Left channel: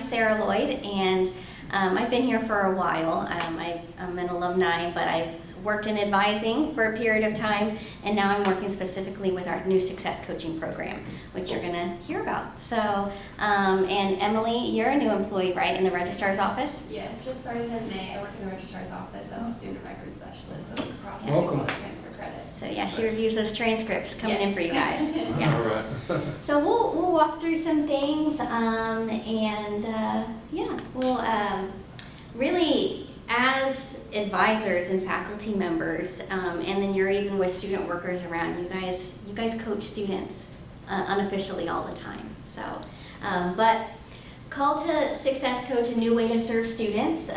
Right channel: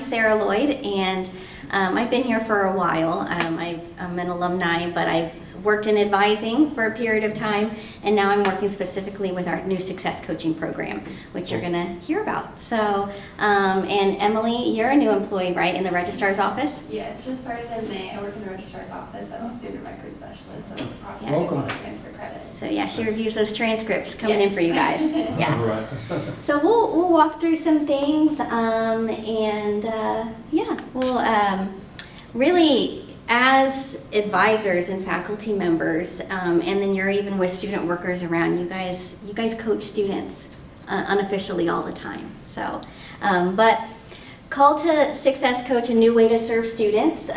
I'm Sarah Lloyd, and I've been here for a while. I'm an alumni, but I've worked in advising for a period of time, and now I'm working specifically with our new success coaching program, which you're going to hear about. So, and Emily, you're a new employee, right, in the registrar's office? Yes, just started in May. I work in the registrar's office as a student record specialist, so processing Welcome. all the transfer credit. So yeah, she reviews those transcripts coming in Yes. for you guys. Yeah. All right. So we'll walk through some things, we'll really, as advisors and faculty members, and then you're even with student workers around, you guys coach students unofficially all the time. So, but Call to Success Coach, a new way to serve students.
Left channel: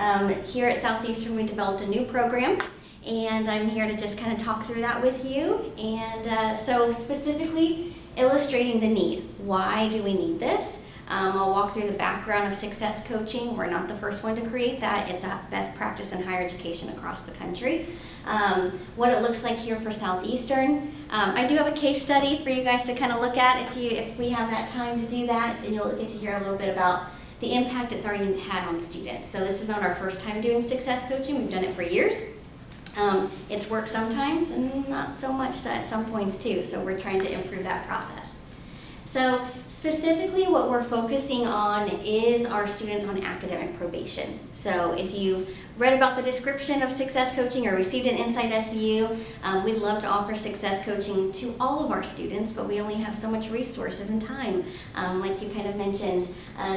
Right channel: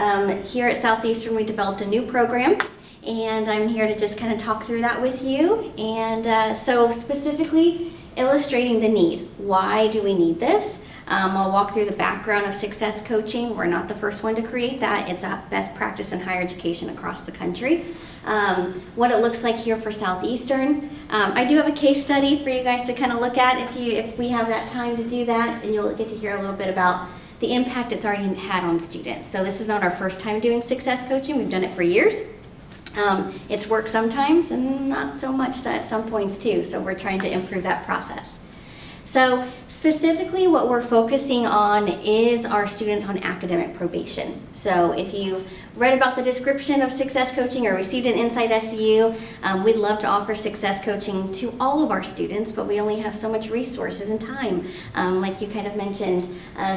Here at Southeastern, we developed a new program, and I'm here to just kind of talk through that with you. And so specifically illustrating the need. Why do we need this? I'll walk through the background of success coaching. We're not the first one to create that. It's a best practice in higher education across the country. What it looks like here for Southeastern. I do have a case study for you guys to kind of look at if we have that time to do that, and you'll get to hear a little bit about the impact it's already had on students. So this is not our first time doing success coaching. We've done it for years. It's worked sometimes and not so much at some points too, so we're trying to improve that process. So specifically what we're focusing on is our students on academic probation. So if you've read about the description of success coaching or received an Insight SCU, we'd love to offer success coaching to all of our students, but we only have so much resources and time, like you kind of mentioned.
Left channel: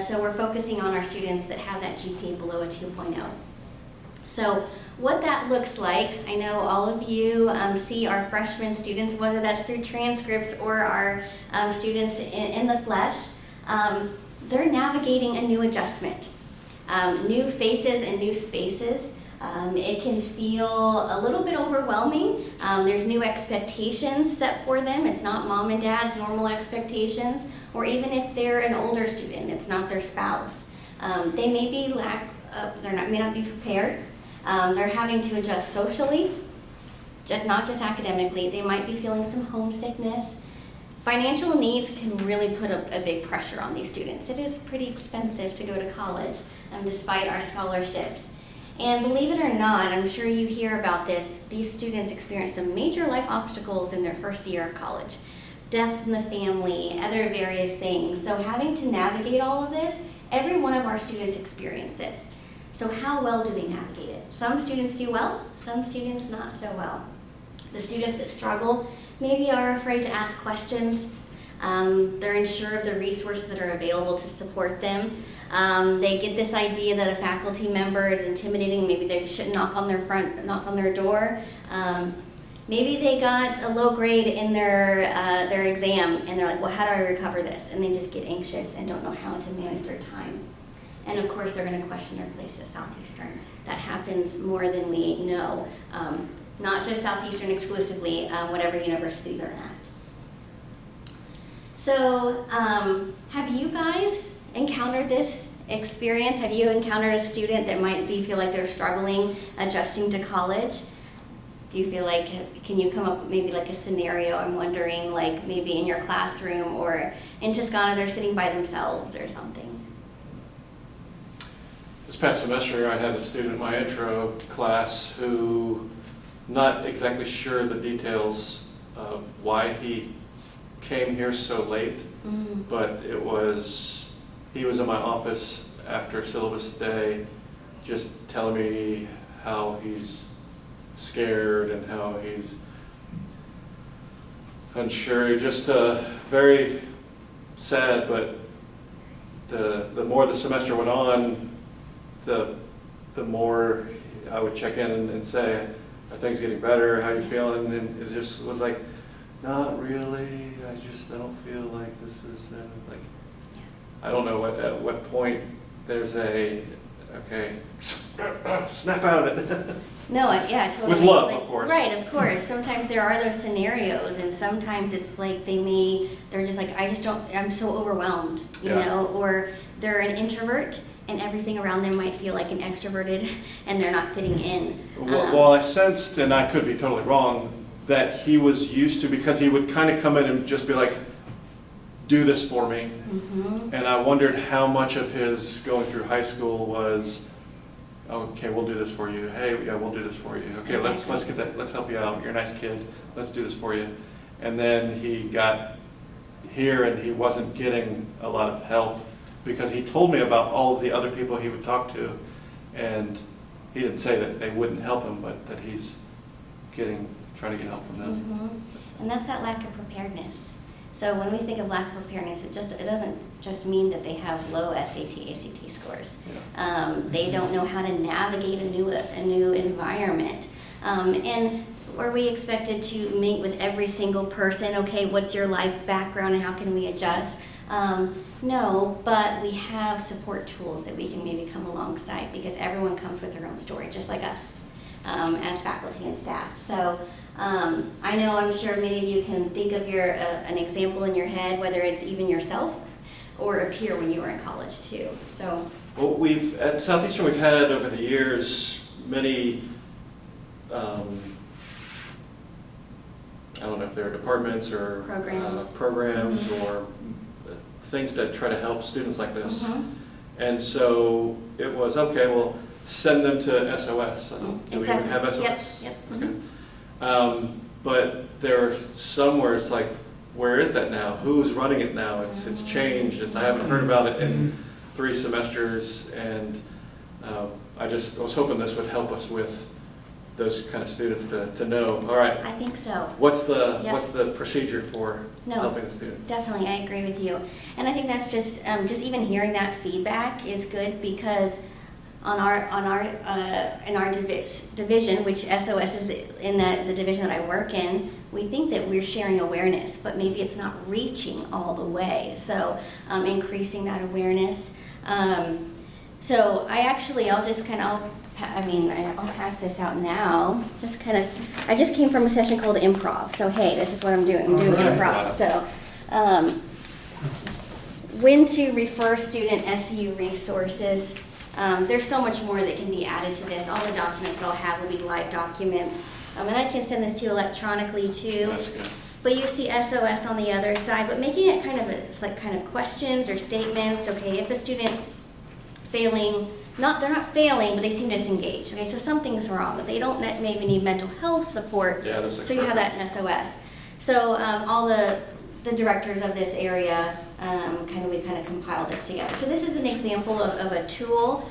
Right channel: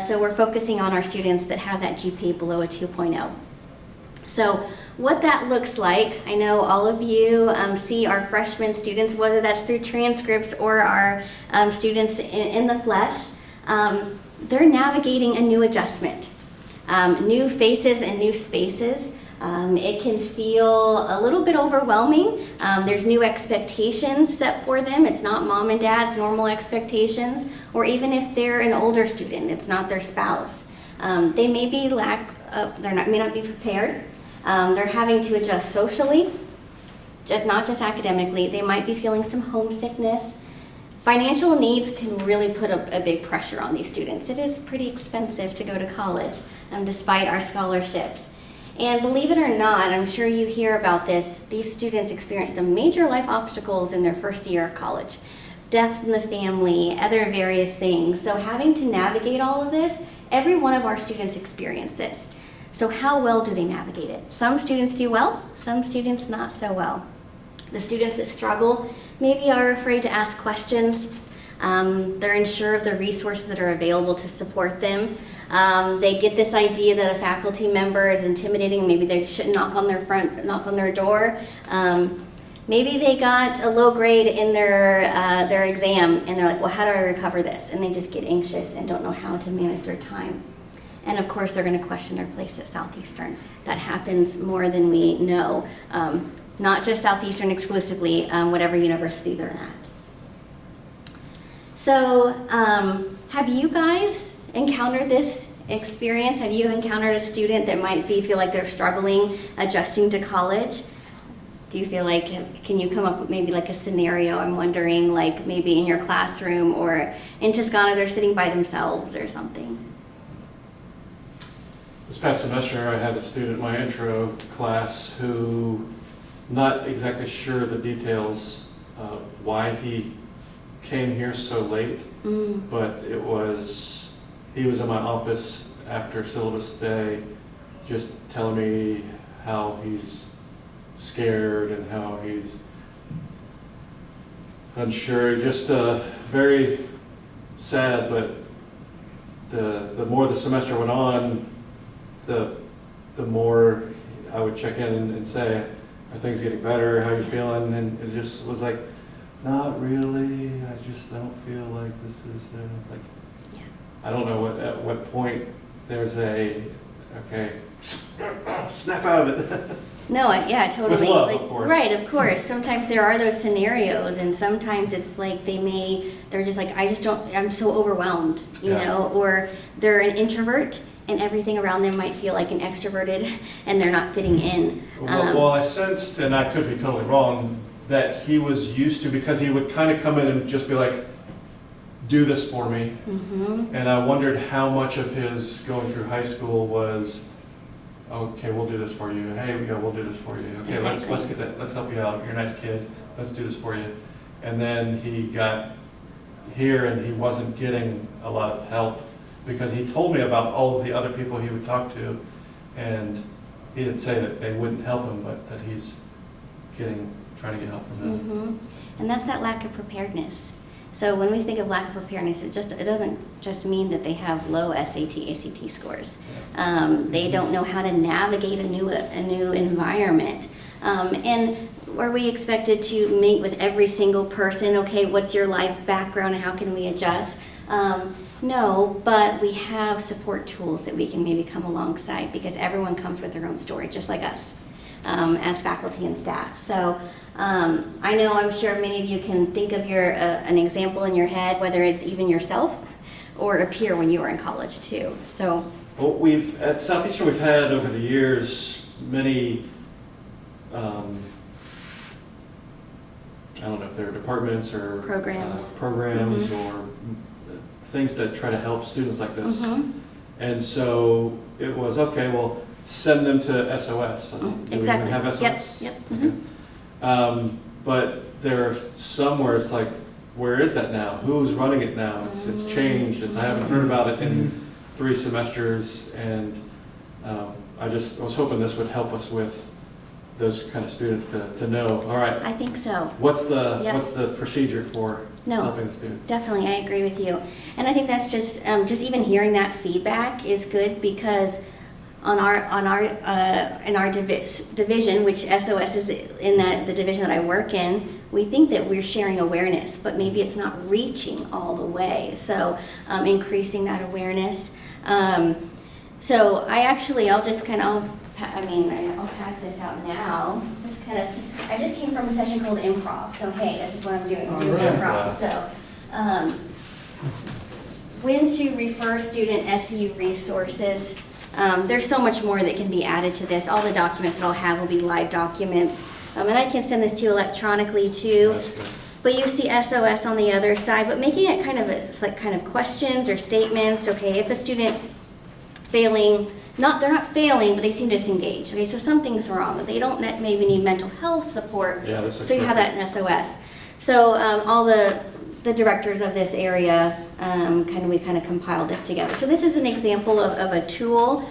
So we're focusing on our students that have that GPA below a 2.0. So what that looks like, I know all of you see our freshman students, whether that's through transcripts or our students in the flesh, they're navigating a new adjustment, new faces and new spaces. It can feel a little bit overwhelming. There's new expectations set for them. It's not mom and dad's normal expectations, or even if they're an older student, it's not their spouse. They may be may not be prepared. They're having to adjust socially, not just academically. They might be feeling some homesickness. Financial needs can really put a big pressure on these students. It is pretty expensive to go to college, despite our scholarships. And believe it or not, I'm sure you hear about this, these students experience some major life obstacles in their first year of college. Death in the family, other various things. So having to navigate all of this, every one of our students experience this. So how well do they navigate it? Some students do well, some students not so well. The students that struggle maybe are afraid to ask questions. They're unsure of the resources that are available to support them. They get this idea that a faculty member is intimidating. Maybe they shouldn't knock on their door. Maybe they got a low grade in their exam, and they're like, well, how do I recover this? And they just get anxious and don't know how to manage their time. And of course, they're going to question their place at Southeastern. That happens more than we know. Not just Southeastern exclusively, whatever university they're at. So have you guys encountered this experience? Have you encountered a student that might feel like they're struggling adjusting to college? Do you feel like, can you come up with maybe like a scenario? I'm wondering, like maybe in your classroom or in Toscana, they're sitting by themselves or something. This past semester, I had a student in my intro class who not exactly sure the details of why he came here so late, but he was in my office after syllabus day just telling me how he's scared and how he's unsure, just very sad. But the more the semester went on, the more I would check in and say, are things getting better? How are you feeling? And it just was like, not really. I just don't feel like this is like. Yeah. I don't know at what point there's okay, snap out of it. No, yeah, totally. With love, of course. Right, of course. Sometimes there are those scenarios, and sometimes it's like they're just like, I'm so overwhelmed, you know, or they're an introvert and everything around them might feel like an extroverted and they're not fitting in. Well, I sensed, and I could be totally wrong, that he was used to, because he would kind of come in and just be like, do this for me. Mm-hmm. And I wondered how much of his going through high school was, okay, we'll do this for you. Hey, yeah, we'll do this for you. Okay, Exactly. let's get that, let's help you out. You're a nice kid. Let's do this for you. And then he got here and he wasn't getting a lot of help because he told me about all of the other people he would talk to, and he didn't say that they wouldn't help him, but that he's trying to get help from them. Mm-hmm. And that's that lack of preparedness. So when we think of lack of preparedness, it doesn't just mean that they have low SAT, ACT scores. They don't know how to navigate a new environment. And are we expected to meet with every single person? Okay, what's your life background and how can we adjust? No, but we have support tools that we can maybe come alongside because everyone comes with their own story, just like us as faculty and staff. So I know, I'm sure many of you can think of an example in your head, whether it's even yourself or a peer when you were in college too. So, well, at Southeastern, we've had over the years many, I don't know if they're departments or Programs. programs or things to try to help students like this. Mm-hmm. And so it was, okay, well, send them to SOS. Do we Exactly. even have SOS? Yep. Okay. But there are some where it's like, where is that now? Who's running it now? It's changed. I haven't heard about it in 3 semesters, and I was hoping this would help us with those kind of students to know, all right, I think so. what's the procedure for No. helping a student? Definitely, I agree with you. And I think that's just even hearing that feedback is good because in our division, which SOS is in the division that I work in, we think that we're sharing awareness, but maybe it's not reaching all the way. So increasing that awareness. So I'll pass this out now. I just came from a session called Improv. So hey, this is what I'm doing. I'm doing improv. So when to refer student SU resources. There's so much more that can be added to this. All the documents that I'll have will be live documents. And I can send this to you electronically too. That's good. But you see SOS on the other side, but making it kind of questions or statements. Okay, if a student's failing, they're not failing, but they seem disengaged. Okay, so something's wrong. They don't maybe need mental health support. Yeah, that's so you have that in SOS. So all the directors of this area, we compiled this together. So this is an example of a tool.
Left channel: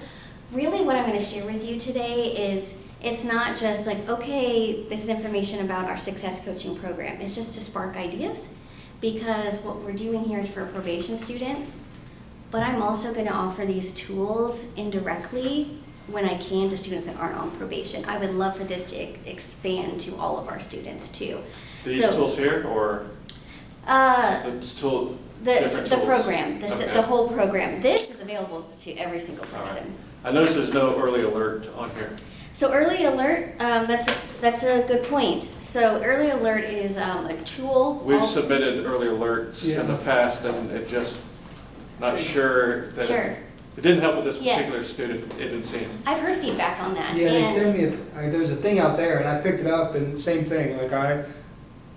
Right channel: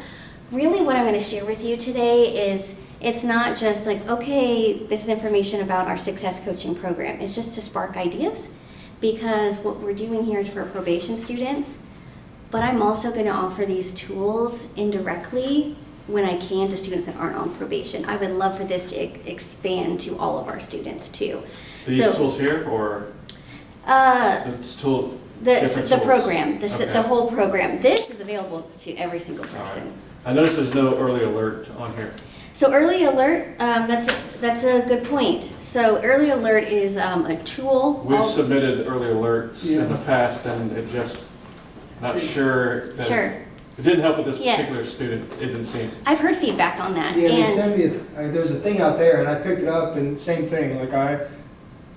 Really what I'm going to share with you today is it's not just like, okay, this is information about our success coaching program. It's just to spark ideas because what we're doing here is for probation students, but I'm also going to offer these tools indirectly when I can to students that aren't on probation. I would love for this to expand to all of our students too. So these tools here, or it's tool? The program, Okay. the whole program. This is available to every single person. I notice there's no early alert on here. So early alert, that's a good point. So early alert is a tool. We've submitted early alerts in the past, and it just, not sure that Sure. it didn't help with this Yes. particular student, it didn't seem. I've heard feedback on that. Yeah, they And sent me, there's a thing out there, and I picked it up, and same thing, like I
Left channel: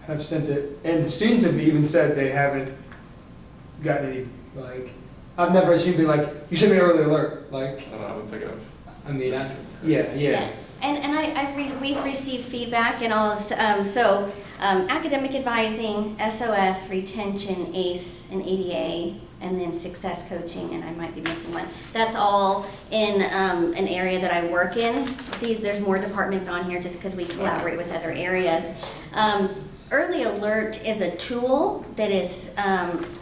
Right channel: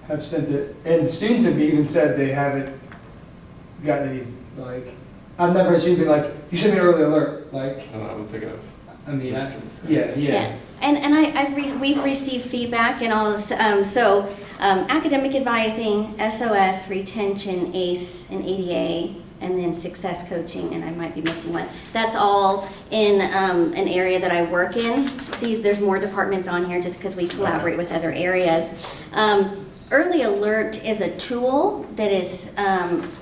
have sent it, and the students have even said they haven't gotten any, like, I've never seen be like, you sent me an early alert, like, I don't know, I'm thinking of. I mean, this yeah. yeah. And we've received feedback and all this, academic advising, SOS, retention, ACE, and ADA, and then success coaching, and I might be missing one. That's all in an area that I work in. There's more departments on here just because we collaborate with other areas. Early alert is a tool that is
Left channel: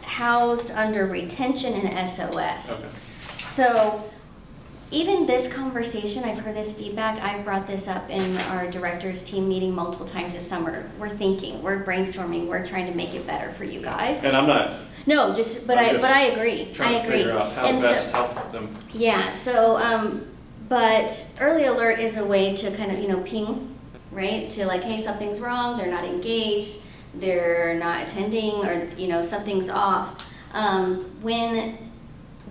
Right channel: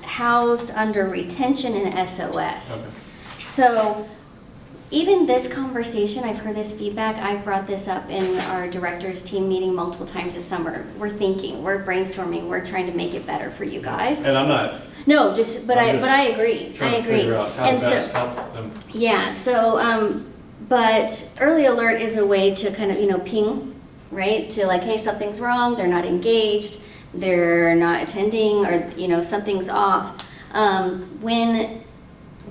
housed under retention and SOS. Okay. So even this conversation, I've heard this feedback, I've brought this up in our directors team meeting multiple times this summer. We're thinking, we're brainstorming, we're trying to make it better for you guys. And I'm not No, but I'm I agree. trying I to agree. figure out how And to best help them. yeah, so but early alert is a way to kind of, ping, right? To like, hey, something's wrong, they're not engaged, they're not attending, or something's off.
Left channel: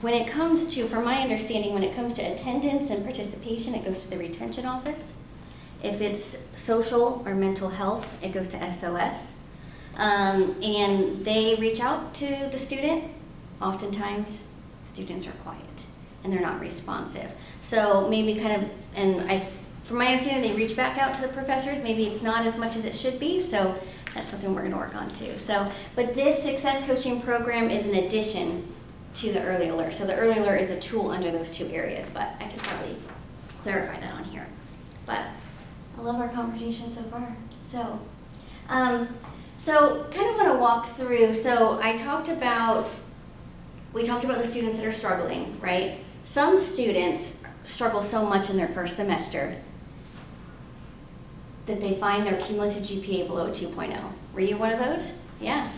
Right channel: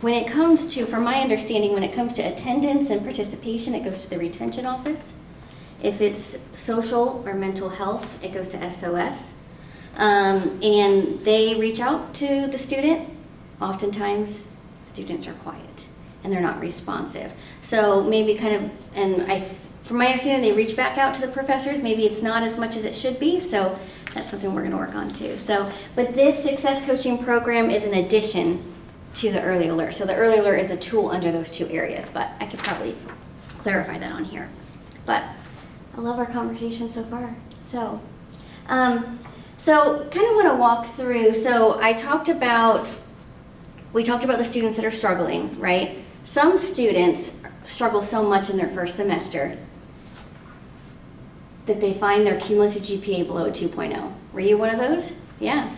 When it comes to, from my understanding, when it comes to attendance and participation, it goes to the retention office. If it's social or mental health, it goes to SOS. And they reach out to the student. Oftentimes, students are quiet and they're not responsive. So maybe from my understanding, they reach back out to the professors. Maybe it's not as much as it should be, so that's something we're going to work on too. But this success coaching program is an addition to the early alert. So the early alert is a tool under those two areas, but I could probably clarify that on here. But I love our conversation so far. So kind of want to walk through. So we talked about the students that are struggling, right? Some students struggle so much in their first semester that they find their cumulative GPA below a 2.0. Were you one of those? Yeah.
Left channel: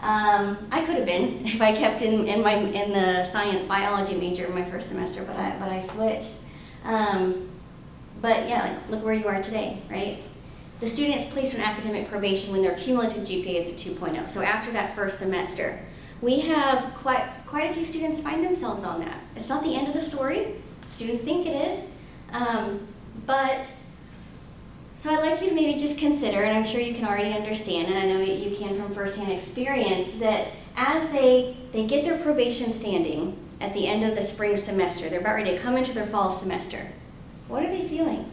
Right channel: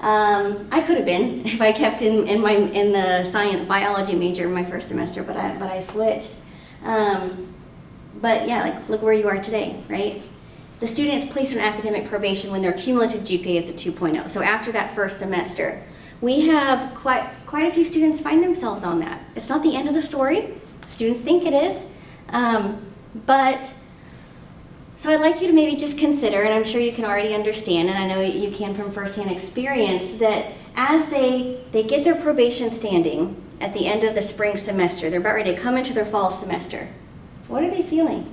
I could have been if I kept in the science biology major in my first semester, but I switched. But yeah, like look where you are today, right? The student is placed on academic probation when their cumulative GPA is a 2.0. So after that first semester, we have quite a few students find themselves on that. It's not the end of the story. Students think it is, so I'd like you to maybe just consider, and I'm sure you can already understand, and I know you can from firsthand experience, that as they get their probation standing at the end of the spring semester, they're about ready to come into their fall semester. What are they feeling?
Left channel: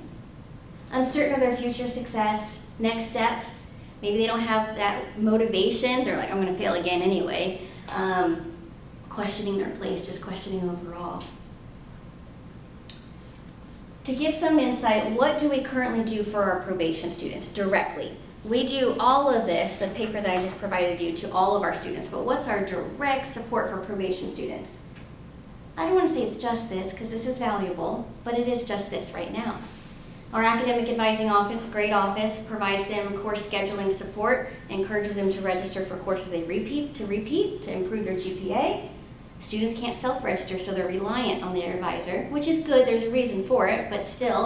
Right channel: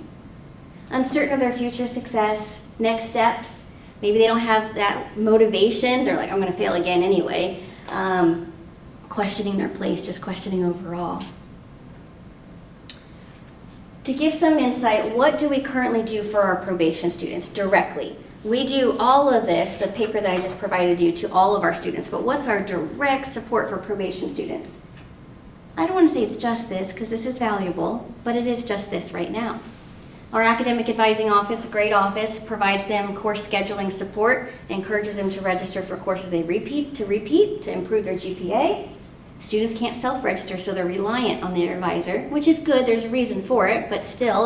Uncertain of their future success, next steps. Maybe they don't have that motivation. They're like, I'm going to fail again anyway. Questioning their place, just questioning overall. To give some insight, what do we currently do for our probation students directly? We do all of this, the paper that I just provided you, to all of our students, but what's our direct support for probation students? I don't want to say it's just this, because this is valuable, but it is just this right now. Our academic advising office, great office, provides them course scheduling support, encourages them to register for courses they repeat to improve their GPA. Students can't self-register, so they're reliant on their advisor, which is good. There's a reason for it, but still,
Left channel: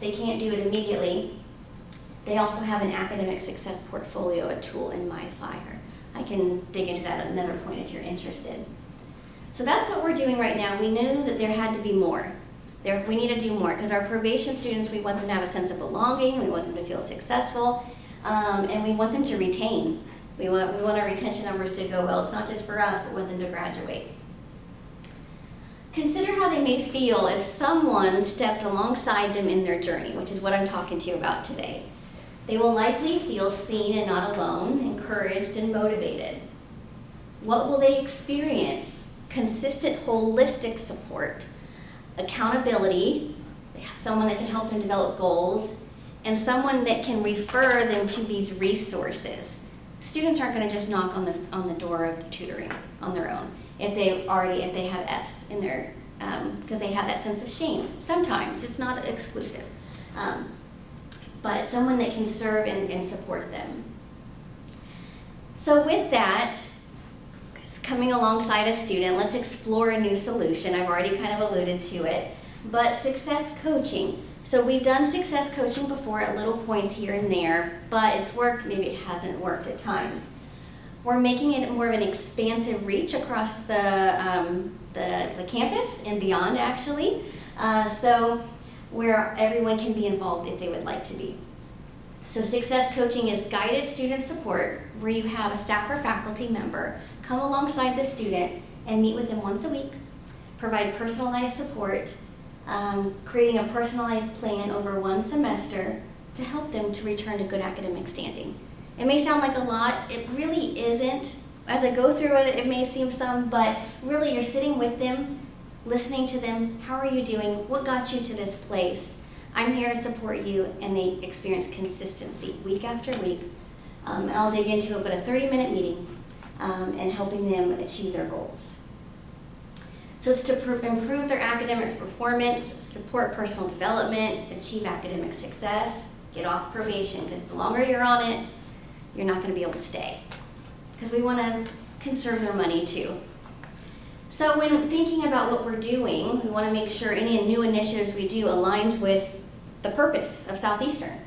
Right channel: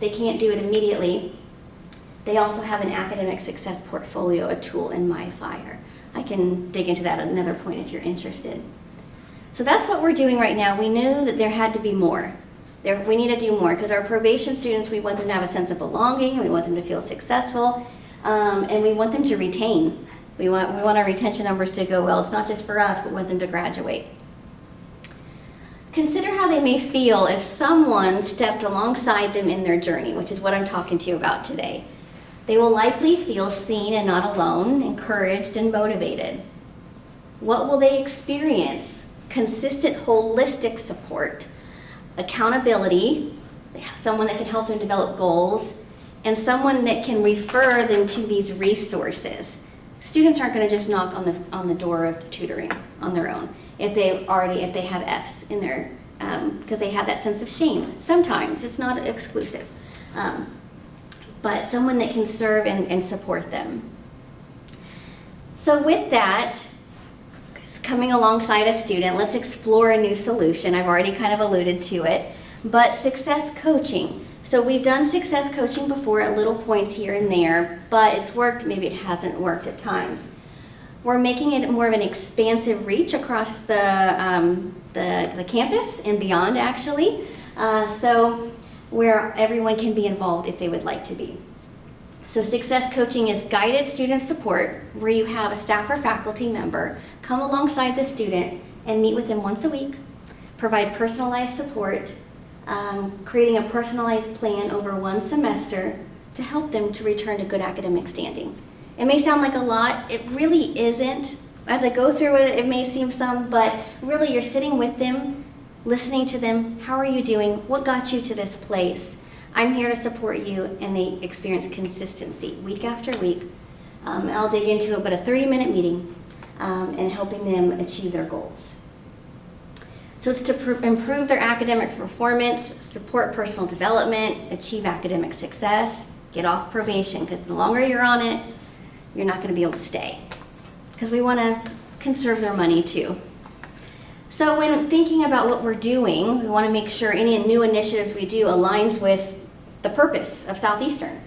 they can't do it immediately. They also have an academic success portfolio, a tool in MyFire. I can dig into that at another point if you're interested. So that's what we're doing right now. We knew that there had to be more. We need to do more because our probation students, we want them to have a sense of belonging, we want them to feel successful, and we want them to retain. We want our retention numbers to go well. It's not just for us, but we want them to graduate. Consider how they may feel if someone stepped alongside them in their journey, which is what I'm talking to you about today. They will likely feel seen and not alone, encouraged and motivated. What will they experience? Consistent, holistic support, accountability, someone that can help them develop goals, and someone that can refer them to these resources. Students aren't going to just knock on the door of tutoring on their own if they have Fs in their because they have that sense of shame. Sometimes it's not exclusive, but someone that can serve and support them. So with that, coming alongside a student, let's explore a new solution. I've already kind of alluded to it, but success coaching. So we've done success coaching before at little points here and there, but it's worked, maybe it hasn't worked at times. We're making it more of an expansive reach across the campus and beyond, actually, so where everyone can be involved if they would like to be. So success coaching is guided student support where you have a staff or faculty member come alongside the student and meet with them once a week, provide personalized support, creating a personalized plan over one semester to help them to return to good academic standing. It may sound like a lot, it really isn't. As I go through it, it may seem some, but really you're sitting with them, listening to them. How are you doing? What got you to this place? I'm here to support you, and they experience consistency week after week. I'll dig into it, but a 30-minute meeting and helping them achieve their goals. So it's to improve their academic performance, support personal development, achieve academic success, get off probation, because the longer you're on it, you're not going to be able to stay. Because we want to conserve their money too. So when thinking about what we're doing, we want to make sure any new initiatives we do aligns with the purpose of Southeastern.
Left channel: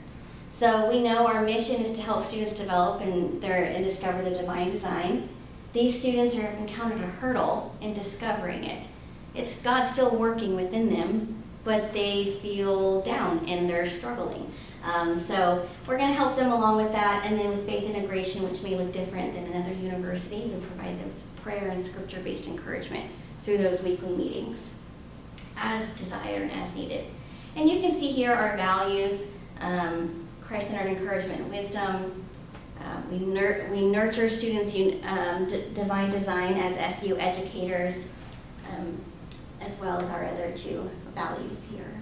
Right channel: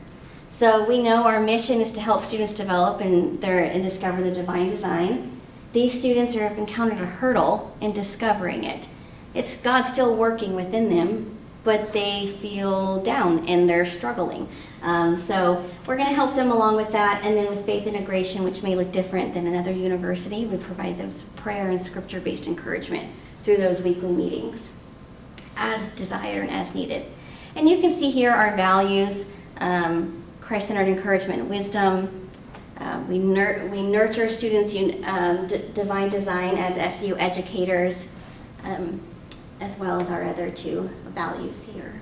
So we know our mission is to help students develop and discover the divine design. These students have encountered a hurdle in discovering it. It's God still working within them, but they feel down and they're struggling. So we're going to help them along with that. And then with faith integration, which may look different than another university, we provide them with prayer and scripture-based encouragement through those weekly meetings as desired and as needed. And you can see here our values, Christ-centered encouragement and wisdom. We nurture students' divine design as SEU educators, as well as our other two values here.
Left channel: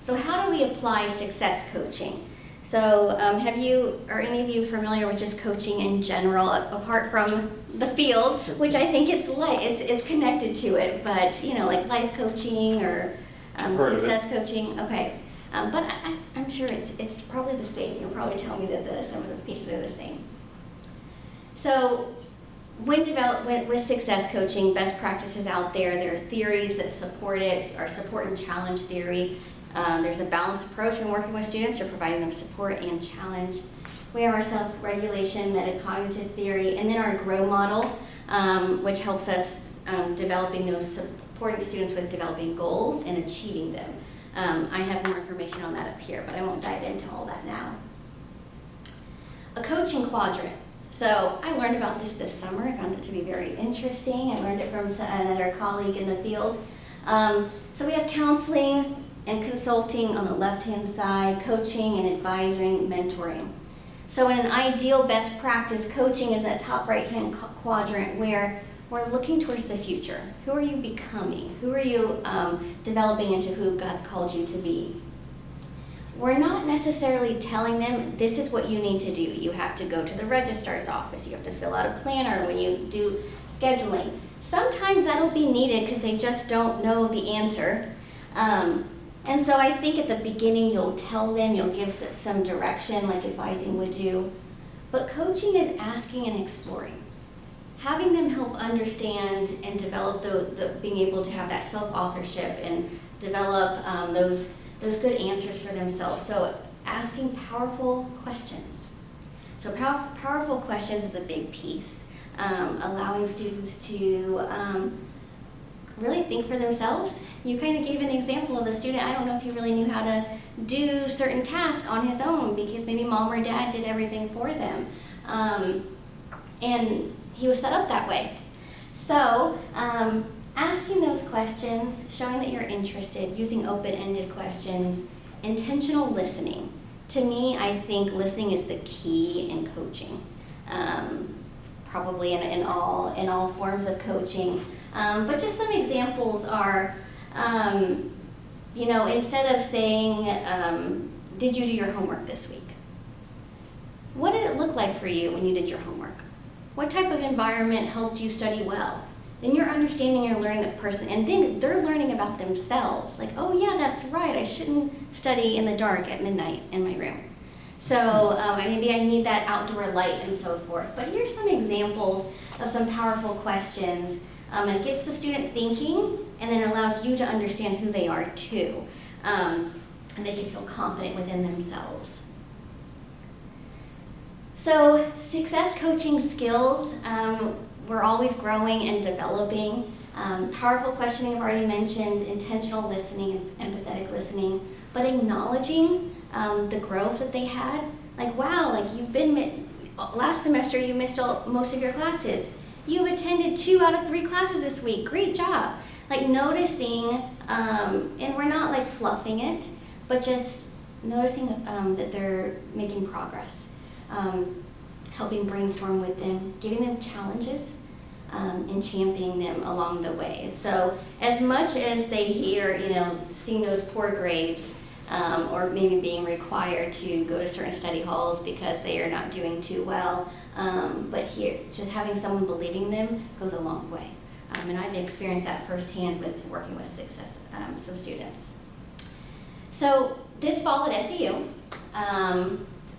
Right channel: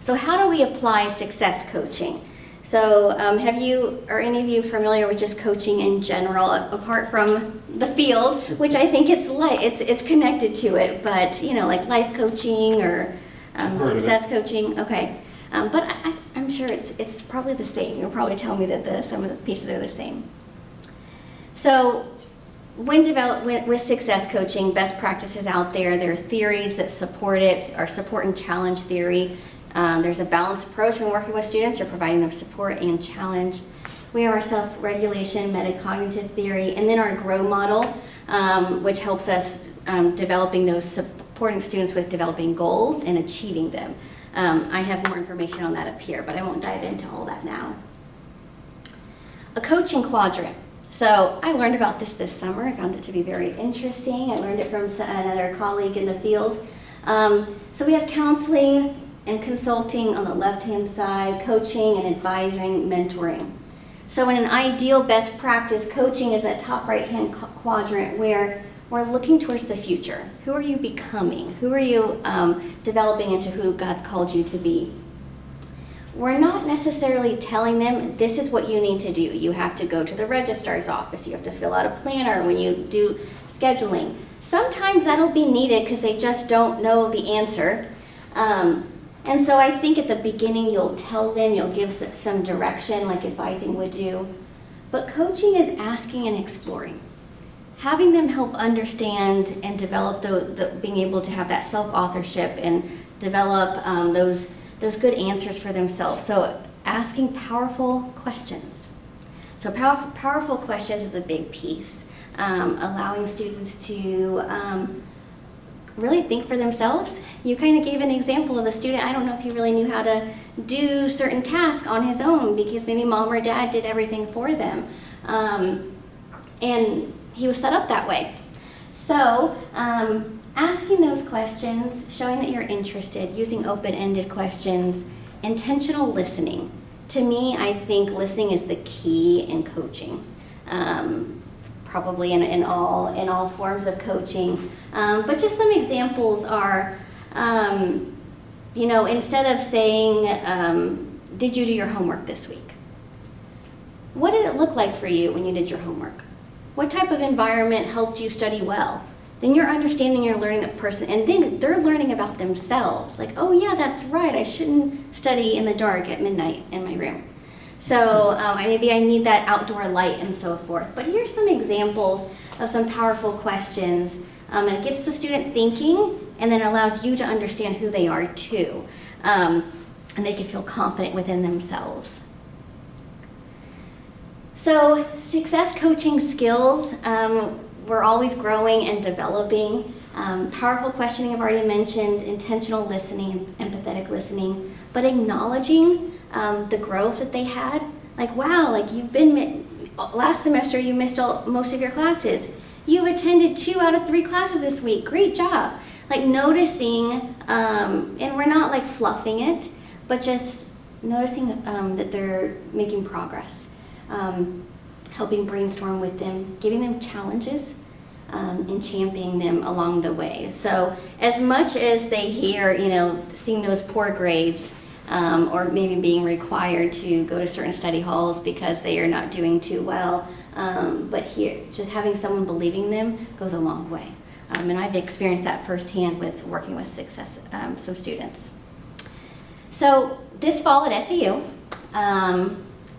So how do we apply success coaching? So are any of you familiar with just coaching in general, apart from the field, which I think it's connected to it, but like life coaching or success coaching? Okay. But I'm sure it's probably the same. You'll probably tell me that some of the pieces are the same. So with success coaching, best practices out there, there are theories that support it, or support and challenge theory. There's a balanced approach when working with students or providing them support and challenge. We have our self-regulation, metacognitive theory, and then our GROW model, which helps us developing those, supporting students with developing goals and achieving them. I have more information on that up here, but I won't dive into all that now. A coaching quadrant. So I learned about this summer. I found it to be very interesting. I learned it from another colleague in the field. So we have counseling and consulting on the left-hand side, coaching and advising, mentoring. So in an ideal best practice, coaching is that top right-hand quadrant where we're looking towards the future. Who are you becoming? Who are you developing into who God's called you to be? We're not necessarily telling them, this is what you need to do. You have to go to the registrar's office. You have to fill out a planner when you do scheduling. Sometimes that'll be needed because they just don't know the answer. And so I think at the beginning you'll tell them, you'll give some direction like advising would do. But coaching is asking and exploring. Having them help understand and develop being able to have that self-authorship and develop those good answers for themselves. So asking powerful questions. So powerful questions is a big piece. Allowing students to really think for themselves. You kind of gave an example of a student. I don't know if he really knew how to do certain tasks on his own because maybe mom or dad did everything for them. And he was set up that way. So asking those questions, showing that you're interested, using open-ended questions, intentional listening. To me, I think listening is the key in coaching. Probably in all forms of coaching. But just some examples are, instead of saying, did you do your homework this week? What did it look like for you when you did your homework? What type of environment helped you study well? Then you're understanding, you're learning the person, and then they're learning about themselves. Like, oh yeah, that's right, I shouldn't study in the dark at midnight in my room. So maybe I need that outdoor light and so forth. But here's some examples of some powerful questions. And it gets the student thinking and then allows you to understand who they are too. And they can feel confident within themselves. So success coaching skills, we're always growing and developing. Powerful questioning I've already mentioned, intentional listening, empathetic listening, but acknowledging the growth that they had. Like, wow, like last semester you missed most of your classes. You attended 2 out of 3 classes this week. Great job. Like noticing, and we're not like fluffing it, but just noticing that they're making progress. Helping brainstorm with them, giving them challenges, and championing them along the way. So as much as they hear, seeing those poor grades, or maybe being required to go to certain study halls because they are not doing too well, but here, just having someone believing them goes a long way. And I've experienced that firsthand with working with some students. So this fall at SEU,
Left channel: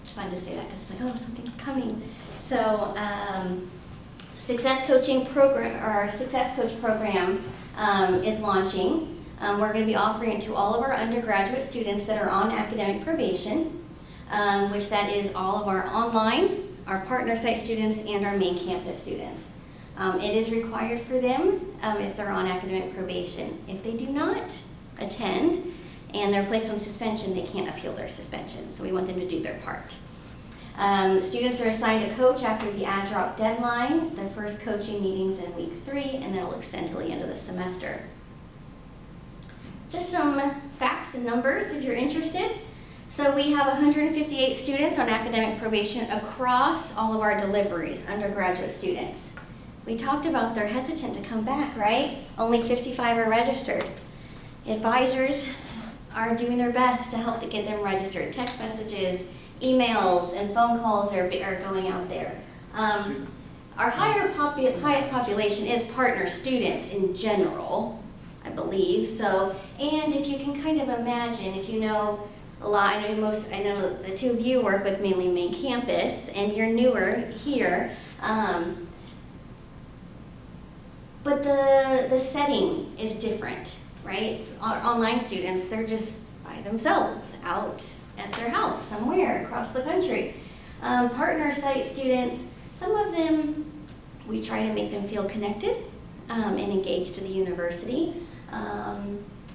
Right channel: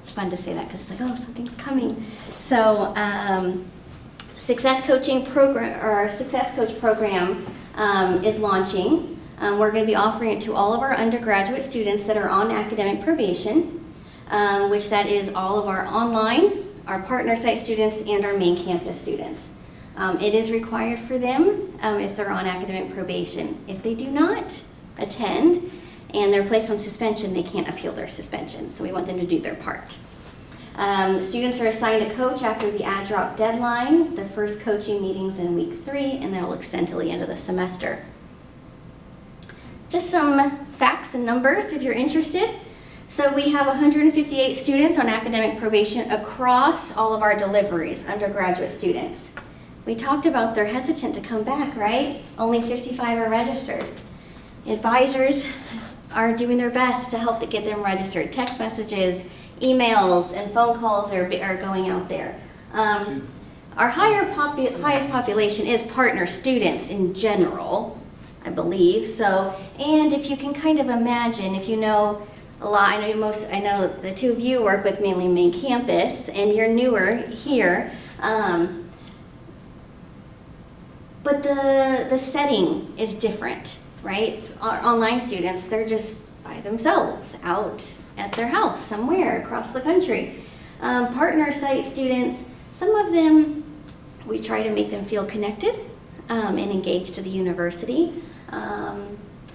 it's fun to say that because it's like, oh, something's coming. So Success Coaching program, or our Success Coach program is launching. We're going to be offering it to all of our undergraduate students that are on academic probation, which that is all of our online, our partner site students, and our main campus students. It is required for them if they're on academic probation. If they do not, attend, and they're placed on suspension, they can't appeal their suspension. So we want them to do their part. Students are assigned a coach after the add drop deadline. The first coaching meeting's in week 3, and that'll extend till the end of the semester. Just some facts and numbers if you're interested. So we have 158 students on academic probation across all of our deliveries, undergraduate students. We talked about they're hesitant to come back, right? Only 55 are registered. Advisors are doing their best to help to get them registered. Text messages, emails, and phone calls are going out there. Our highest population is partner students in general, I believe. So, and if you can kind of imagine, if you know a lot, I know the two of you work with mainly main campus, and you're newer here. But the setting is different, right? Our online students, they're just by themselves out at their house somewhere across the country. Partner site students, some of them, we try to make them feel connected and engaged to the university.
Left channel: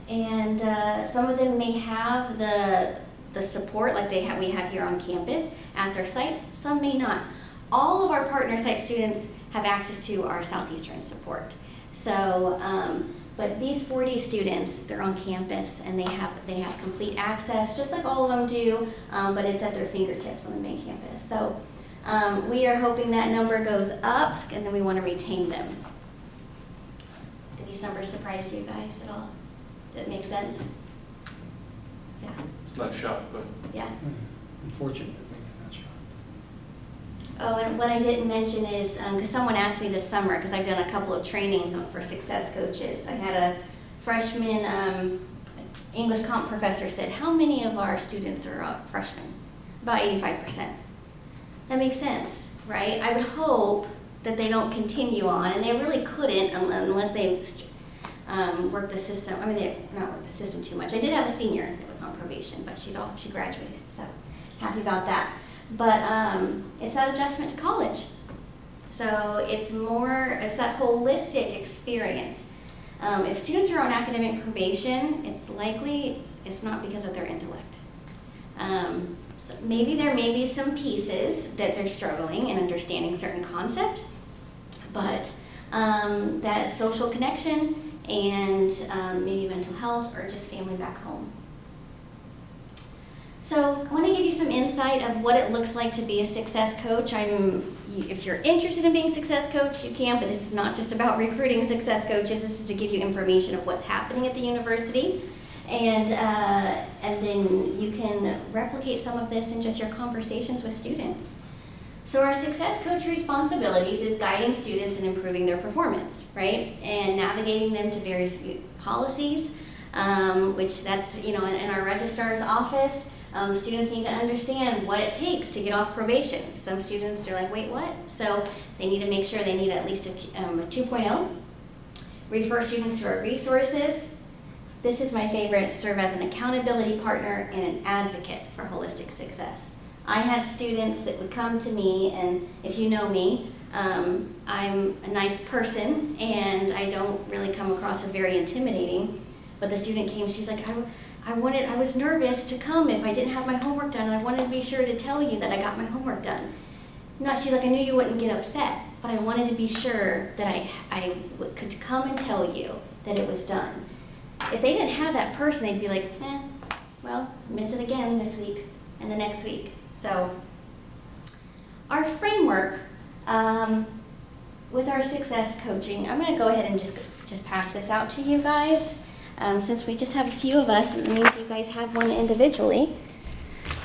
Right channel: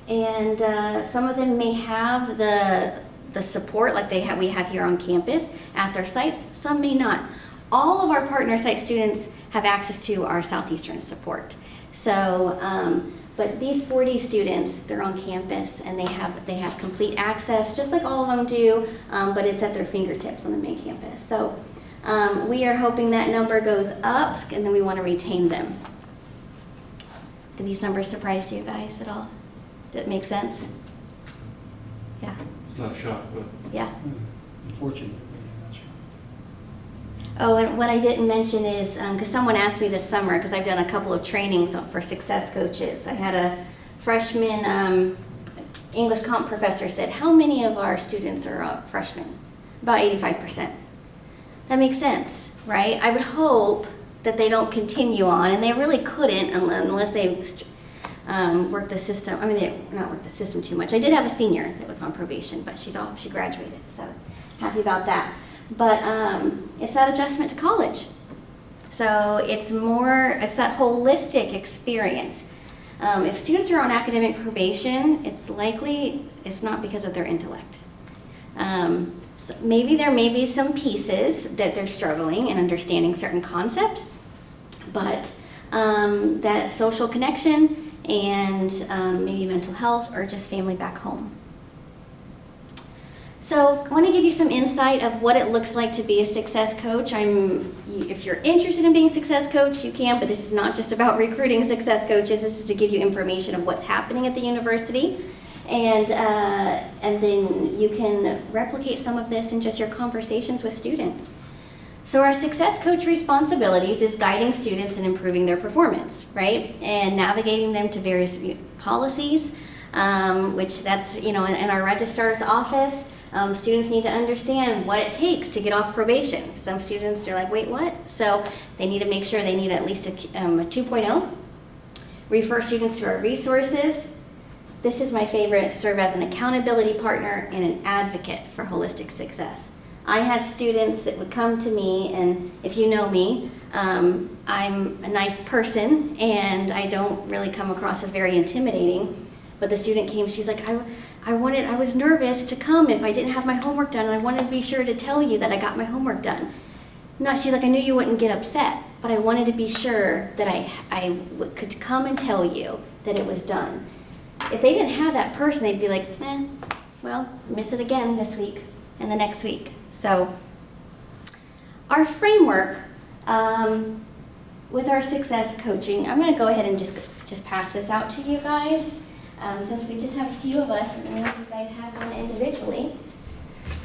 And some of them may have the support like we have here on campus at their sites, some may not. All of our partner site students have access to our Southeastern support. So, but these 40 students, they're on campus and they have complete access, just like all of them do, but it's at their fingertips on the main campus. So we are hoping that number goes up, and then we want to retain them. Did these numbers surprise you guys at all? Did it make sense? Yeah. It's not a shock, but Yeah. Unfortunately, I'm not sure. Oh, and what I didn't mention is, because someone asked me this summer, because I've done a couple of trainings for success coaches. I had a freshman English comp professor said, how many of our students are freshmen? About 85%. That makes sense, right? I would hope that they don't continue on, and they really couldn't unless they work the system. I mean, they not work the system too much. I did have a senior that was on probation, but she graduated, so happy about that. But it's that adjustment to college. So it's that holistic experience. If students are on academic probation, it's likely it's not because of their intellect. So maybe there may be some pieces that they're struggling in understanding certain concepts, but that social connection and maybe mental health or just family back home. So I want to give you some insight of what it looks like to be a success coach. If you're interested in being a success coach, you can, but this is not just about recruiting success coaches. This is to give you information of what's happening at the university. And then you can replicate some of this in just your conversations with students. So our success coach responsibilities is guiding students and improving their performance, right? And navigating them to various policies, which that's, in our registrar's office. Students need to understand what it takes to get off probation. Some students are like, wait, what? So they need to make sure they need at least a 2.0. Refer students to our resources. This is my favorite, serve as an accountability partner and an advocate for holistic success. I had students that would come to me, and if you know me, I'm a nice person and I don't really come across as very intimidating. But the student came, she's like, I was nervous to come if I didn't have my homework done, and I wanted to be sure to tell you that I got my homework done. She's like, I knew you wouldn't get upset, but I wanted to be sure that I could come and tell you that it was done. If they didn't have that person, they'd be like, well, miss it again this week and the next week. So our framework with our success coaching, I'm going to go ahead and just pass this out to you guys. Since we just have a few of us, it means you guys have one individually,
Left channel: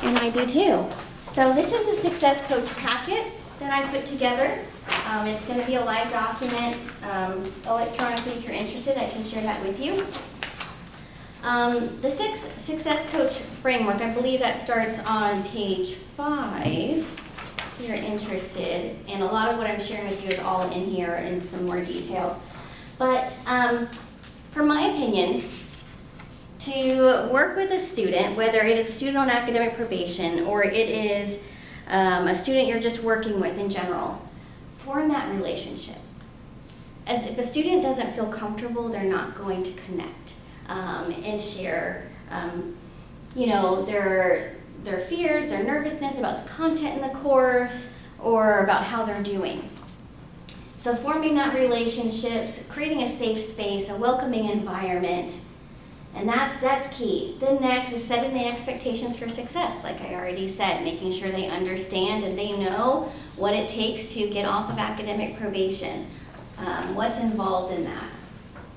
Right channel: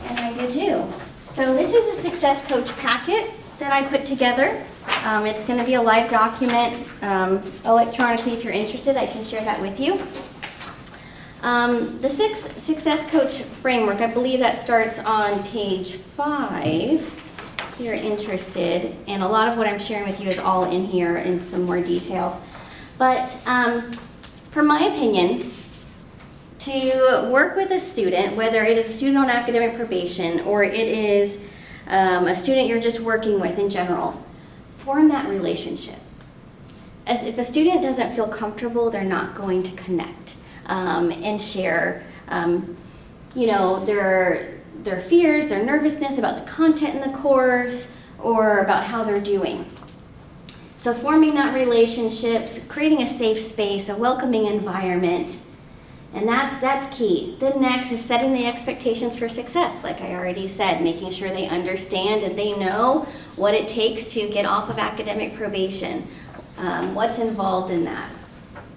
and I do too. So this is a success coach packet that I put together. It's going to be a live document electronically. If you're interested, I can share that with you. The success coach framework, I believe that starts on page 5, if you're interested, and a lot of what I'm sharing with you is all in here in some more detail. But for my opinion, to work with a student, whether it is a student on academic probation or it is a student you're just working with in general, form that relationship. As if a student doesn't feel comfortable, they're not going to connect. and share, you know, their fears, their nervousness about the content in the course, or about how they're doing. So forming that relationships, creating a safe space, a welcoming environment, and that's key. Then next is setting the expectations for success, like I already said, making sure they understand and they know what it takes to get off of academic probation, what's involved in that.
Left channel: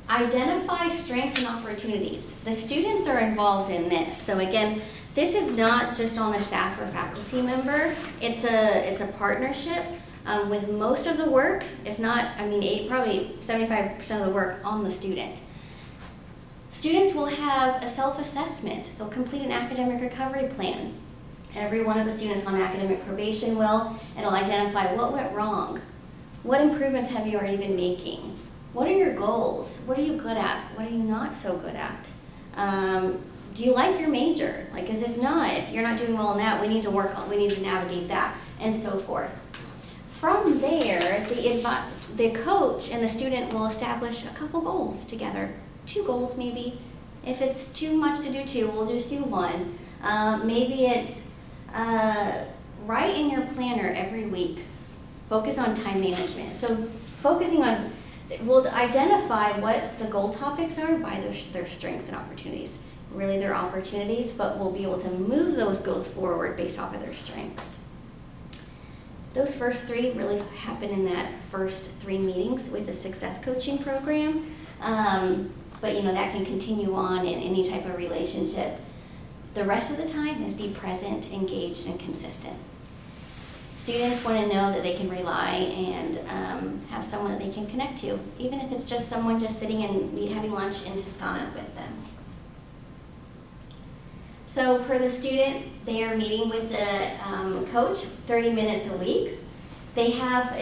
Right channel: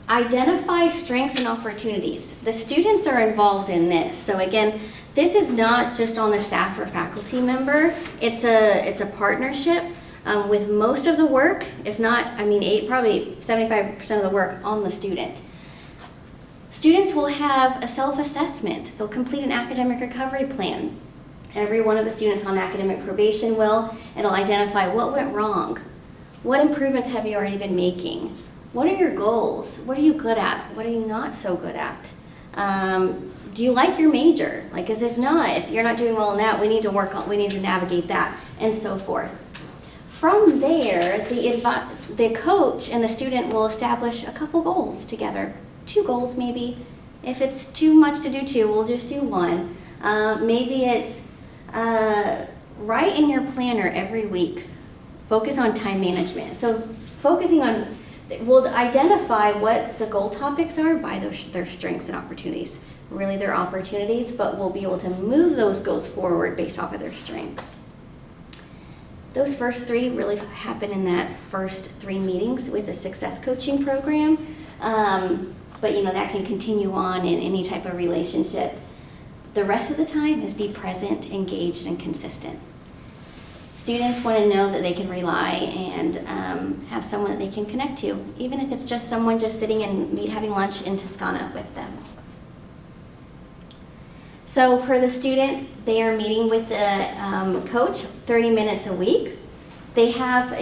Identify strengths and opportunities. The students are involved in this. So again, this is not just on the staff or faculty member. It's a partnership with most of the work, if not, I mean, probably 75% of the work on the student. Students will have a self-assessment. They'll complete an academic recovery plan. Every one of the students on academic probation will. It'll identify what went wrong. What improvements have you already been making? What are your goals? What are you good at? What are you not so good at? Do you like your major? Like, as if not, if you're not doing well in that, we need to navigate that, and so forth. From there, the coach and the student will establish a couple goals together. 2 goals maybe. If it's too much to do 2, we'll just do 1. Maybe it's write in your planner every week. Focus on time management. So focusing on, we'll identify what the goal topics are by their strengths and opportunities. Really their opportunities, but we'll be able to move those goals forward based off of their strengths. Those first 3 really happen in that first 3 meetings with the success coaching program. But you know, that can continue on in any type of relationship. The rest of the time is be present, engaged, and consistent. Students want to know that they can rely and have someone that they can connect to, even if it's just someone just sitting and having lunch in Toscana with them. So for the student, they are meeting with the coach 30 minutes a week. They have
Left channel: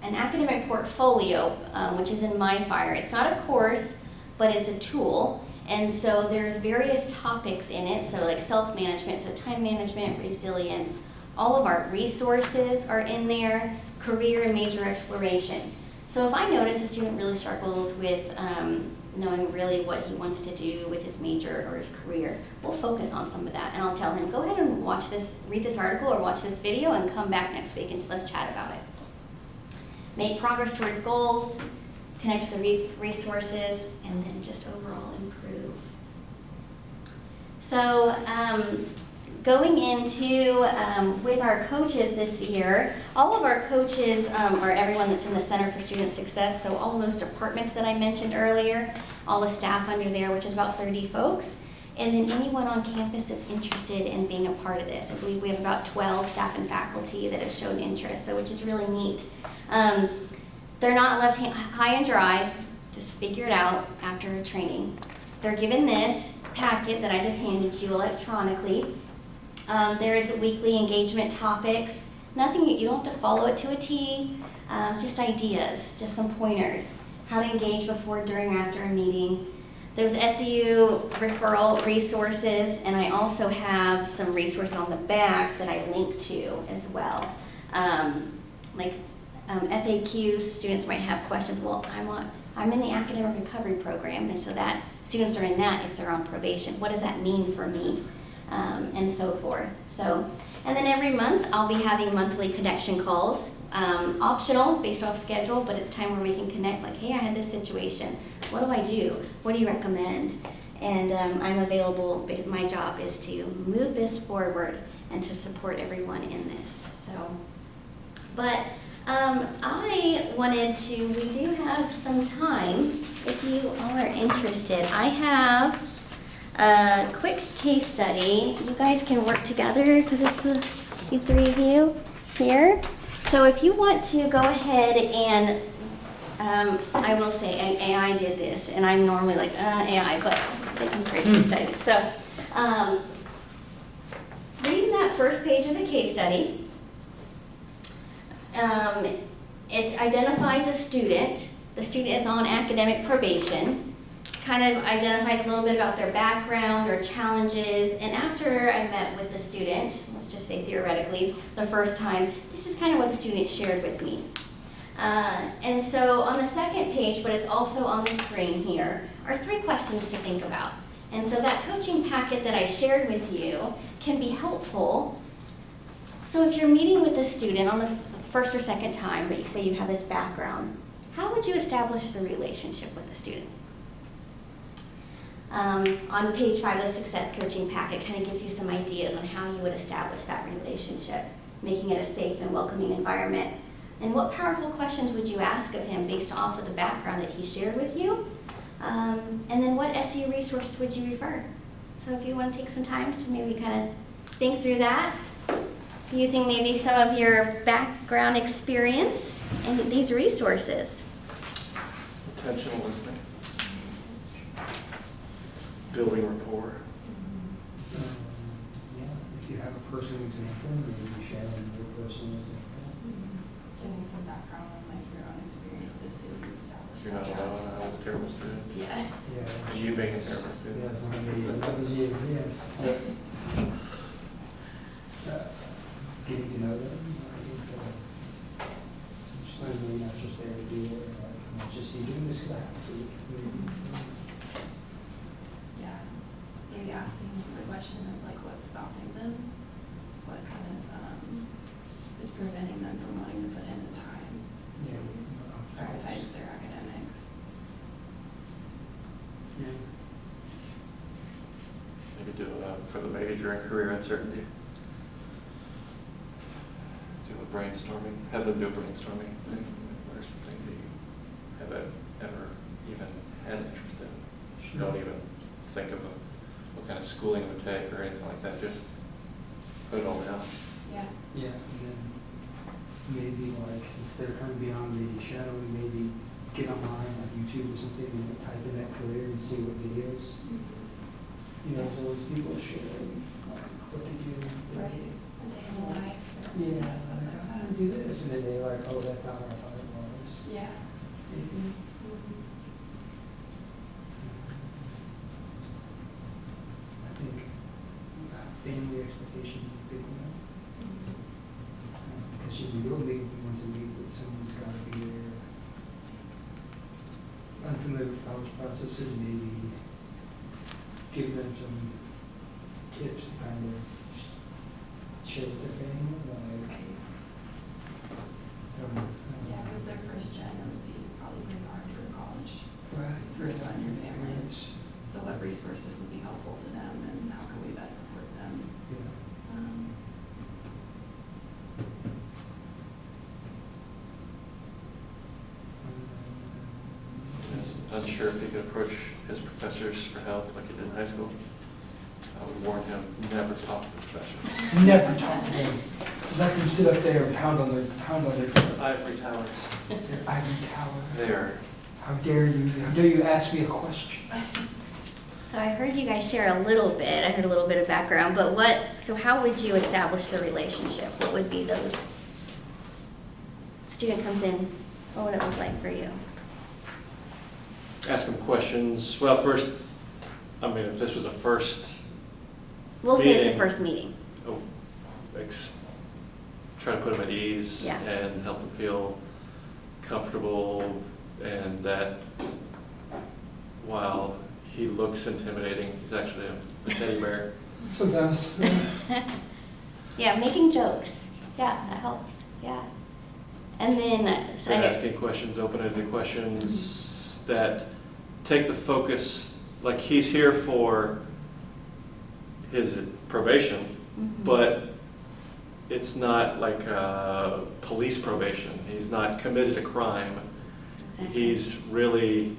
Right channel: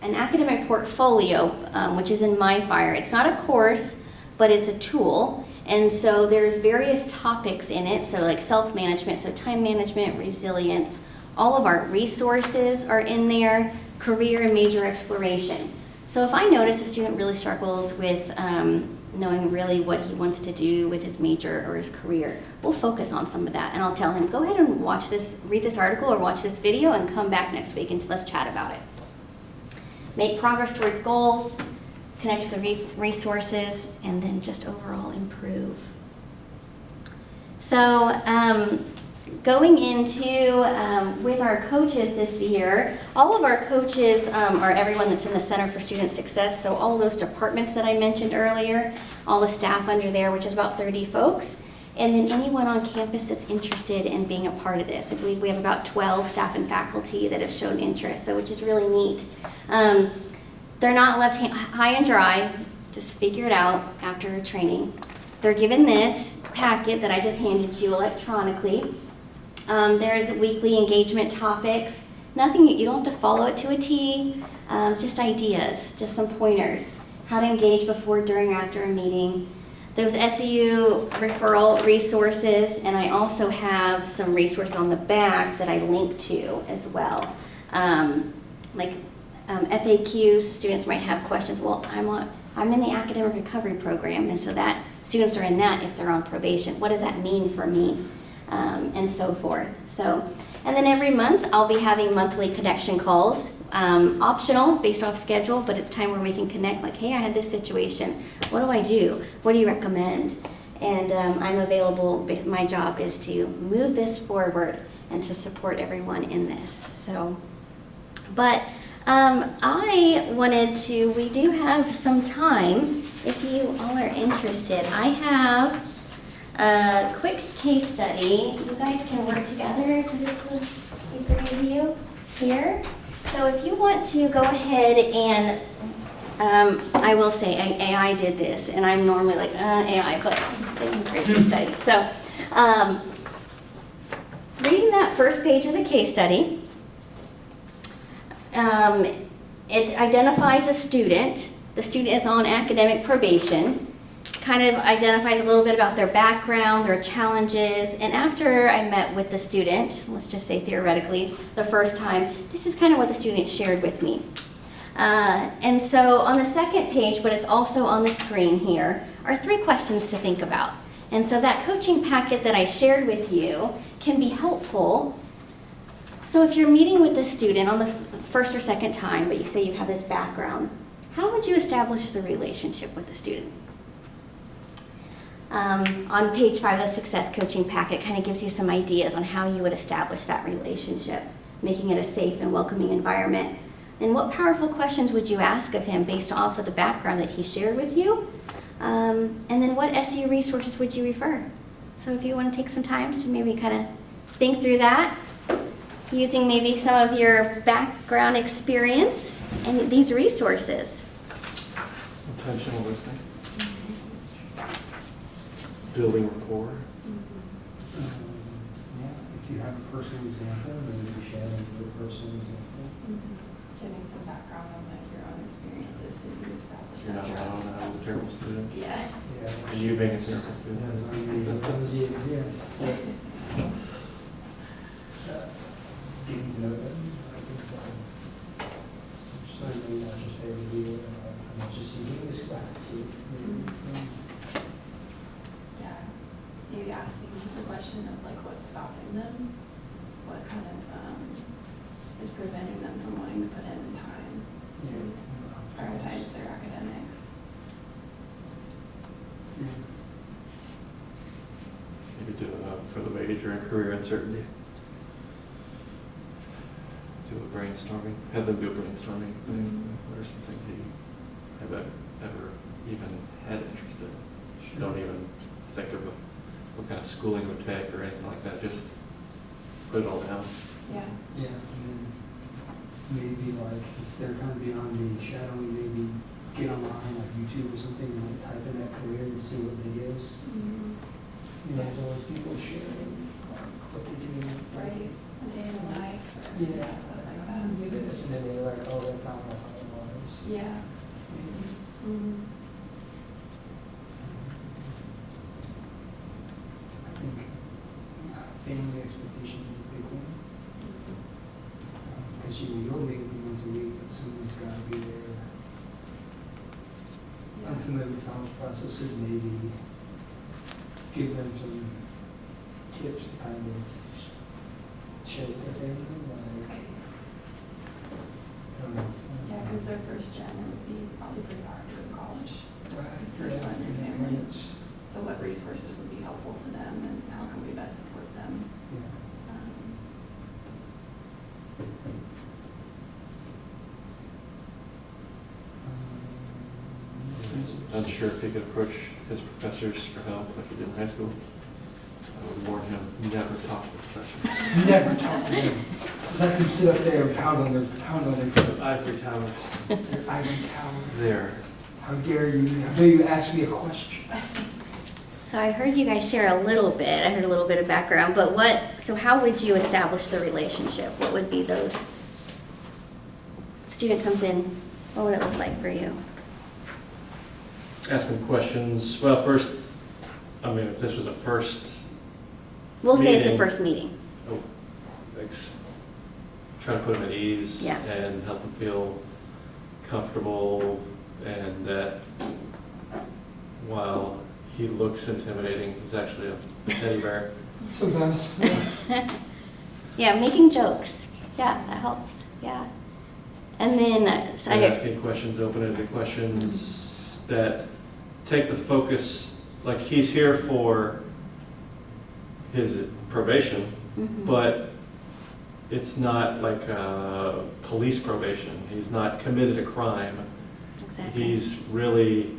an academic portfolio, which is in MyFire. It's not a course, but it's a tool. And so there's various topics in it, so like self-management, so time management, resilience. All of our resources are in there, career and major exploration. So if I notice a student really struggles with knowing really what he wants to do with his major or his career, we'll focus on some of that. And I'll tell him, go ahead and watch this, read this article or watch this video and come back next week and let's chat about it. Make progress towards goals, connect to the resources, and then just overall improve. So going into, with our coaches this year, all of our coaches are everyone that's in the Center for Student Success, so all of those departments that I mentioned earlier, all the staff under there, which is about 30 folks, and then anyone on campus that's interested in being a part of this. I believe we have about 12 staff and faculty that have shown interest, so which is really neat. They're not left high and dry, just figure it out after training. They're given this packet that I just handed you electronically. There's weekly engagement topics. Nothing, you don't have to follow it to a T, just ideas, just some pointers. How to engage before, during, after a meeting. There's SEU referral resources, and I also have some resources on the back that I link to as well. FAQs, students might have questions. Well, I'm in the academic recovery program, and so that students are in that if they're on probation. What does that mean for me? And so forth. And then every month I'll be having monthly connection calls, optional based off schedule, but it's time where we can connect, like, hey, I had this situation. What do I do? What do you recommend? And I'm available. My job is to move this forward and to support everyone in this. We do have some time if you all are interested. I have a quick case study. You guys can work together because it's the 3 of you here. So if you want to go ahead and, I will say AI did this, and I'm normally like, AI, but they can create a case study. So reading that first page of the case study, it identifies a student. The student is on academic probation, kind of identifies a little bit about their background, their challenges, and after I met with the student, let's just say theoretically, the first time, this is kind of what the student shared with me. And so on the second page, but it's also on the screen here, are 3 questions to think about. And so that coaching packet that I shared with you can be helpful. So if you're meeting with a student on the first or second time, but you say you have this background, how would you establish the relationship with the student? On page 5 of the Success Coaching Packet, kind of gives you some ideas on how you would establish that relationship, making it a safe and welcoming environment. And what powerful questions would you ask of him based off of the background that he shared with you? And then what SEU resources would you refer? So if you want to take some time to maybe kind of think through that, using maybe some of your background experience and these resources. Intentional listening. Building rapport. Yeah, if you have a personal example, maybe share your personal example. Getting some background on like your own experiences so you establish You're that not alone, trust. I was a terrible student. Yeah. Yeah. And you being a terrible student. Yes. Getting to know them. Just like really not just there to do it, not just you doing this back to it. Yeah. Maybe asking the question of like what's stopping them, what kind of is preventing them from wanting to put in the time to prioritize their academics. Maybe do for the major and career uncertainty. Do a brainstorming, have them do a brainstorming thing. What are some things that you have ever even had interest in? Don't even think of what kind of schooling it would take or anything like that. Just put it all down. Yeah. Yeah, and then maybe like, since they're kind of beyond the shadow, maybe get online, like YouTube or something, and type in that career and see what videos, you know, those people share, what they do. Right. A day in the life or Yeah, stuff like I that. do this, and then they're like, oh, that's not what I thought it was. Yeah. I think family expectations is a big one. Because you're big once a week, but someone's got to be there. Unfamiliar with college processes, maybe give them some tips to kind of share with their family, like, Right. I don't know. Yeah, because their first gen, it would be probably pretty hard to go to college. Right. First one in your family. It's- So what resources would be helpful to them and how can we best support them? yeah. Unsure if he could approach his professors for help like he did in high school. I would warn him, never talk to the professor. Never talk to them. Let them sit up there and pound on their The ivory towers. their ivory tower. There. How dare you ask me a question? So I heard you guys share a little bit. I heard a little bit of background, but so how would you establish the relationship? What would be those? Student comes in, what would it look like for you? Ask him questions. Well, first, I mean, if this was a first, We'll say it's a Meeting. first meeting. try to put him at ease Yeah. and help him feel comfortable, and that while he looks intimidating, he's actually a teddy bear. Sometimes. Yeah, making jokes. Yeah, that helps. Yeah. And then, so And I, asking questions, open-ended questions that take the focus, like he's here for his probation, Mhm. but it's not like police probation. He's not committed a crime. exactly. He's really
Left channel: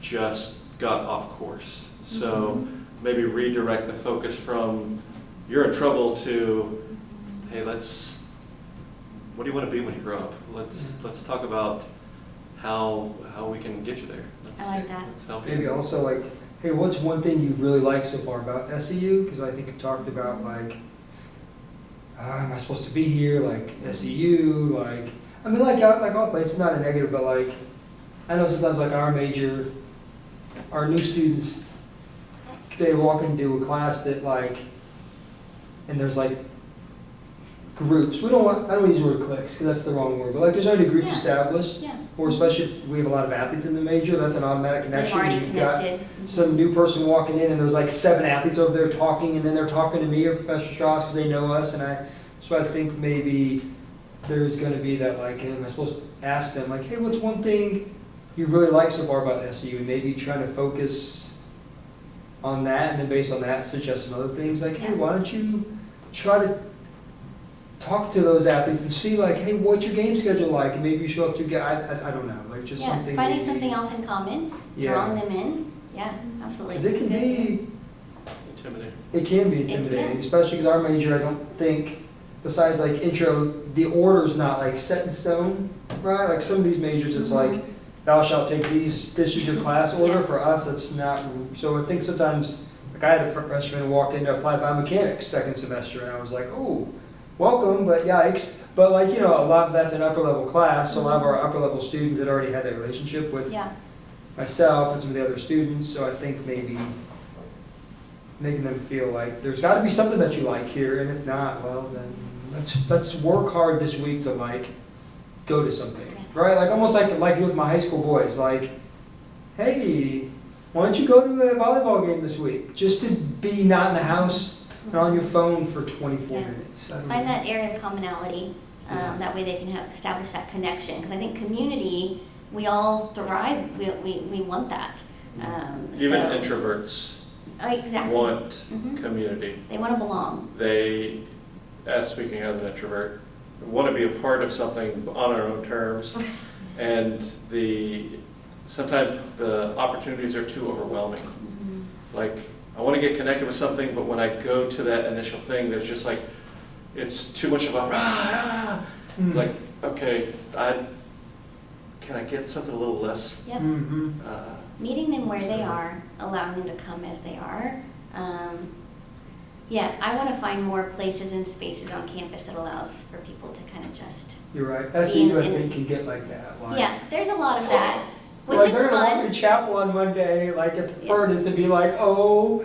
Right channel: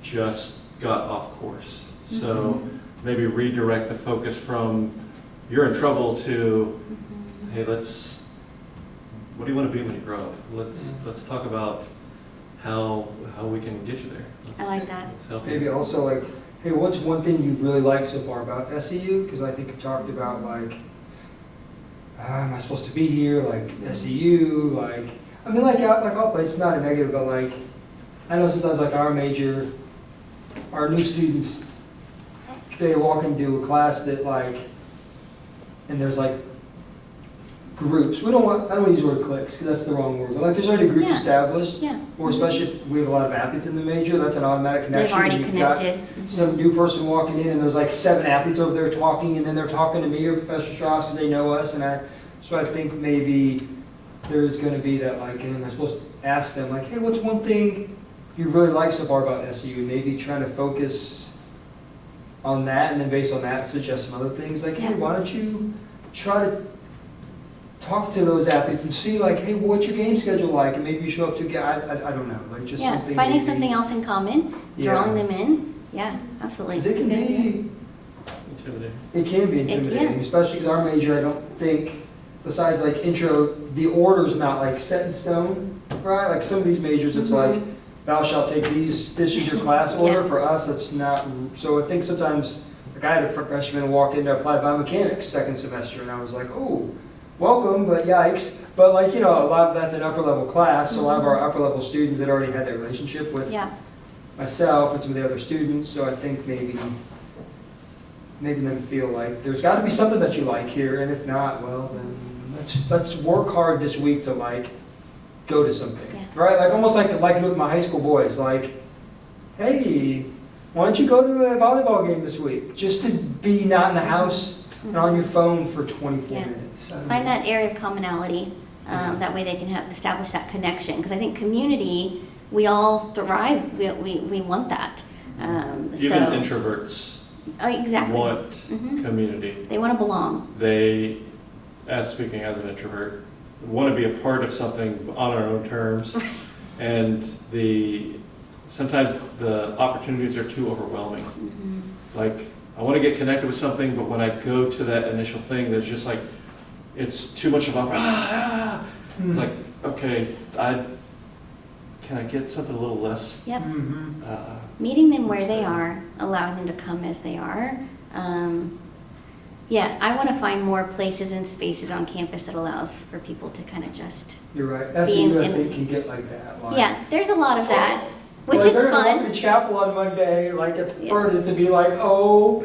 just got off course. So Mhm. maybe redirect the focus from you're in trouble to, Mhm. hey, what do you want to be when you grow up? Let's talk about how we can get you there. I like that. Let's help you. Maybe also like, hey, what's one thing you really like so far about SEU? Because I think you talked about like, am I supposed to be here? Like SEU, like, I mean, like all places, not a negative, but like, I know sometimes like our new students, they walk into a class that like, and there's like groups. I don't want to use the word cliques because that's the wrong word, but like there's already a group Yeah. established, Yeah. or especially if we have a lot of athletes in the major, that's an automatic connection. They've already You've got connected. some new person walking in and there's like 7 athletes over there talking, and then they're talking to me or Professor Strauss because they know us, so I think maybe there's going to be that, like, and I'm supposed to ask them, like, hey, what's one thing you really like so far about SU? And maybe trying to focus on that, and then based on that, suggest some other things, like, hey, Yeah. why don't you try to talk to those athletes and see, like, hey, what's your game schedule like? And maybe you show up to get, I don't know, like, just Yeah, something. finding maybe- something else in common, Yeah. drawing them in. Yeah, absolutely. Because it can Good idea. be, Intimidating. it can be intimidating, yeah. especially because our major, I don't think, besides like intro, the order's not like set in stone, right? Like some of these majors, it's like, Mhm. thou shalt take these, this is your class order. Yeah. For us, it's not, so I think sometimes, like I had a freshman walk in to apply biomechanics second semester, and I was like, oh, welcome, but yikes. But like, you know, a lot of that's an upper level class, so a lot of our upper level students had already had that relationship with Yeah, myself and some of the other students, so I think maybe making them feel like there's got to be something that you like here, and if not, well, then let's work hard this week to like go to something, Yeah. right? Like almost like with my high school boys, like, hey, why don't you go to a volleyball game this week? Just to be not in the house and on your phone for 24 Yeah. minutes. I don't find know. that area of commonality. Yeah. That way they can establish that connection. Because I think community, we all thrive. We want that. Even So introverts exactly. want Mhm. community. They want to belong. They, as speaking as an introvert, want to be a part of something on our own terms. And sometimes the opportunities are too overwhelming. Mhm. Like, I want to get connected with something, but when I go to that initial thing, there's just like, it's too much of a, it's like, okay, can I get something a little less? Yep. Mhm. Meeting them where they are, allowing them to come as they are. Yeah, I want to find more places and spaces on campus that allows for people to kind of just. You're right. Being SU, I in- think, can get like that. Like, Yeah, there's a lot of that, which like, is they're gonna walk fun. to chapel on Monday, like at the Yeah. furnace, and be like, "Oh,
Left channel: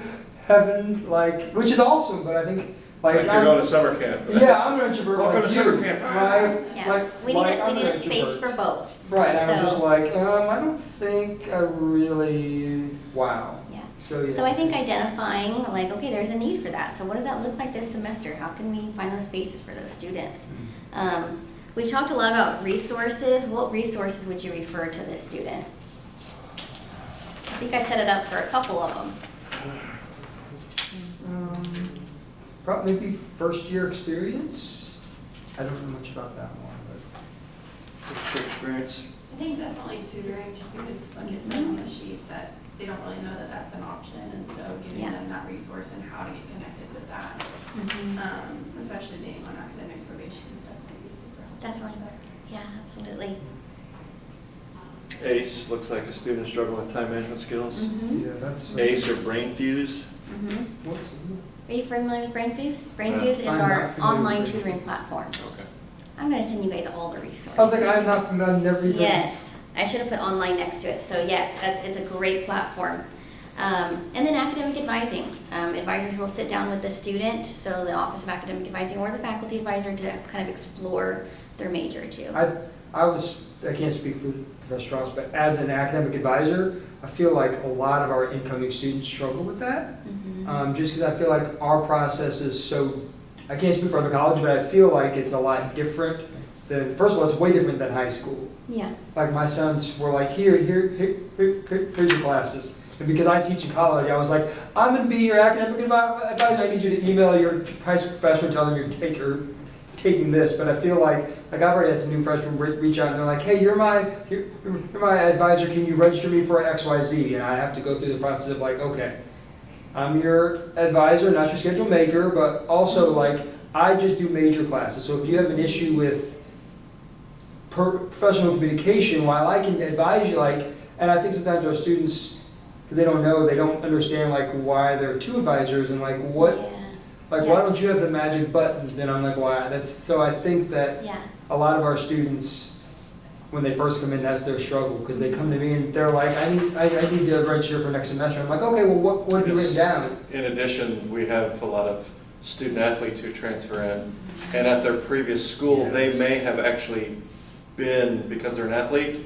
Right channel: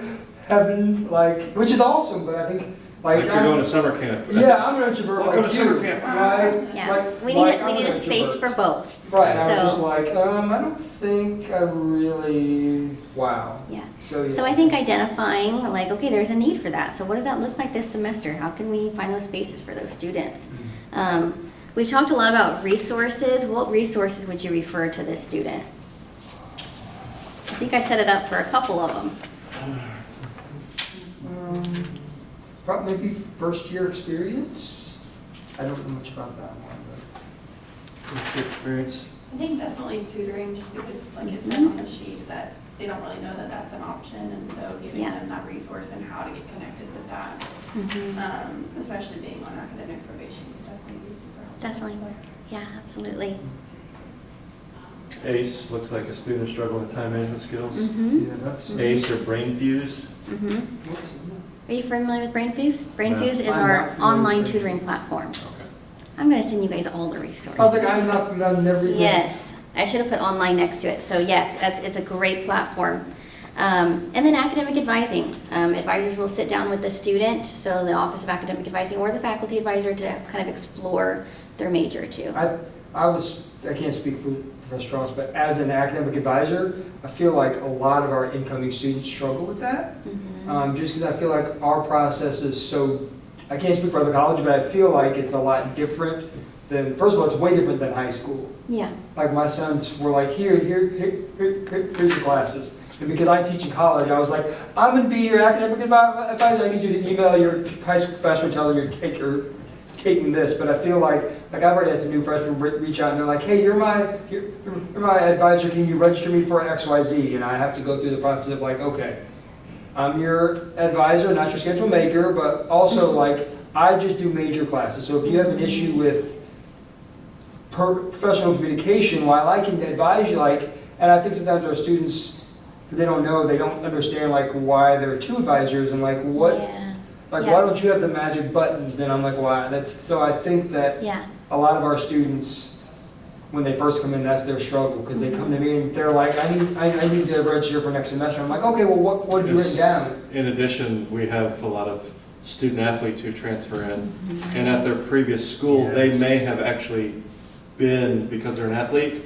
heaven!" Like, which is awesome. But I think, Like like, you're going to summer camp. yeah, I'm an introvert. Welcome like to you, summer camp. right? Yeah, Like, we like, need I'm a an space for introvert. both. Right, and I was So- just like, I don't think I really. Wow. Yeah. So yeah. So I think identifying, like, okay, there's a need for that. So what does that look like this semester? How can we find those spaces for those students? We've talked a lot about resources. What resources would you refer to this student? I think I set it up for a couple of them. Probably maybe first year experience. I don't know much about that one, What's your experience? I think definitely tutoring, just because like it said on the sheet that they don't really know that that's an option, and so giving Yeah. them that resource and how to get connected with that, especially being on academic probation, would definitely be super helpful. Definitely. Yeah, absolutely. ACE looks like a student struggling with time management skills. but Mm-hmm. yeah, that's. ACE or Brain Fuse. Mm-hmm. What's, Are you familiar with BrainFuse? BrainFuse is I'm our not familiar online with tutoring platform. Okay. I'm going to send you guys all the resources. I was like, I'm not familiar. I've never even. Yes, I should have put online next to it. So yes, it's a great platform. And then academic advising. Advisors will sit down with the student, so the Office of Academic Advising or the faculty advisor, to kind of explore their major too. I can't speak for Professor Strauss, but as an academic advisor, I feel like a lot of our incoming students struggle with that. Mhm. Just because I feel like our process is so, I can't speak for other colleges, but I feel like it's a lot different than, first of all, it's way different than high school. Yeah, Like my sons were like, here's your classes. And because I teach in college, I was like, I'm gonna be your academic advisor. I need you to email your high school professor and tell them you're taking this. But I feel like I've already had some new freshmen reach out and they're like, hey, you're my advisor. Can you register me for XYZ? And I have to go through the process of like, okay, I'm your advisor, not your schedule maker, but also like I just do major classes. So if you have an issue with professional communication, while I can advise you, like, and I think sometimes our students, because they don't know, they don't understand like why there are two advisors and like what, yeah, like Yeah. why don't you have the magic buttons? And I'm like, why? So I think that yeah, a lot of our students, when they first come in, that's their struggle, because they come to me and they're like, I need to register for next semester. I'm like, okay, well, what have you written down? In addition, we have a lot of student athletes who transfer in. And at their previous school, they may have actually been, because they're an athlete,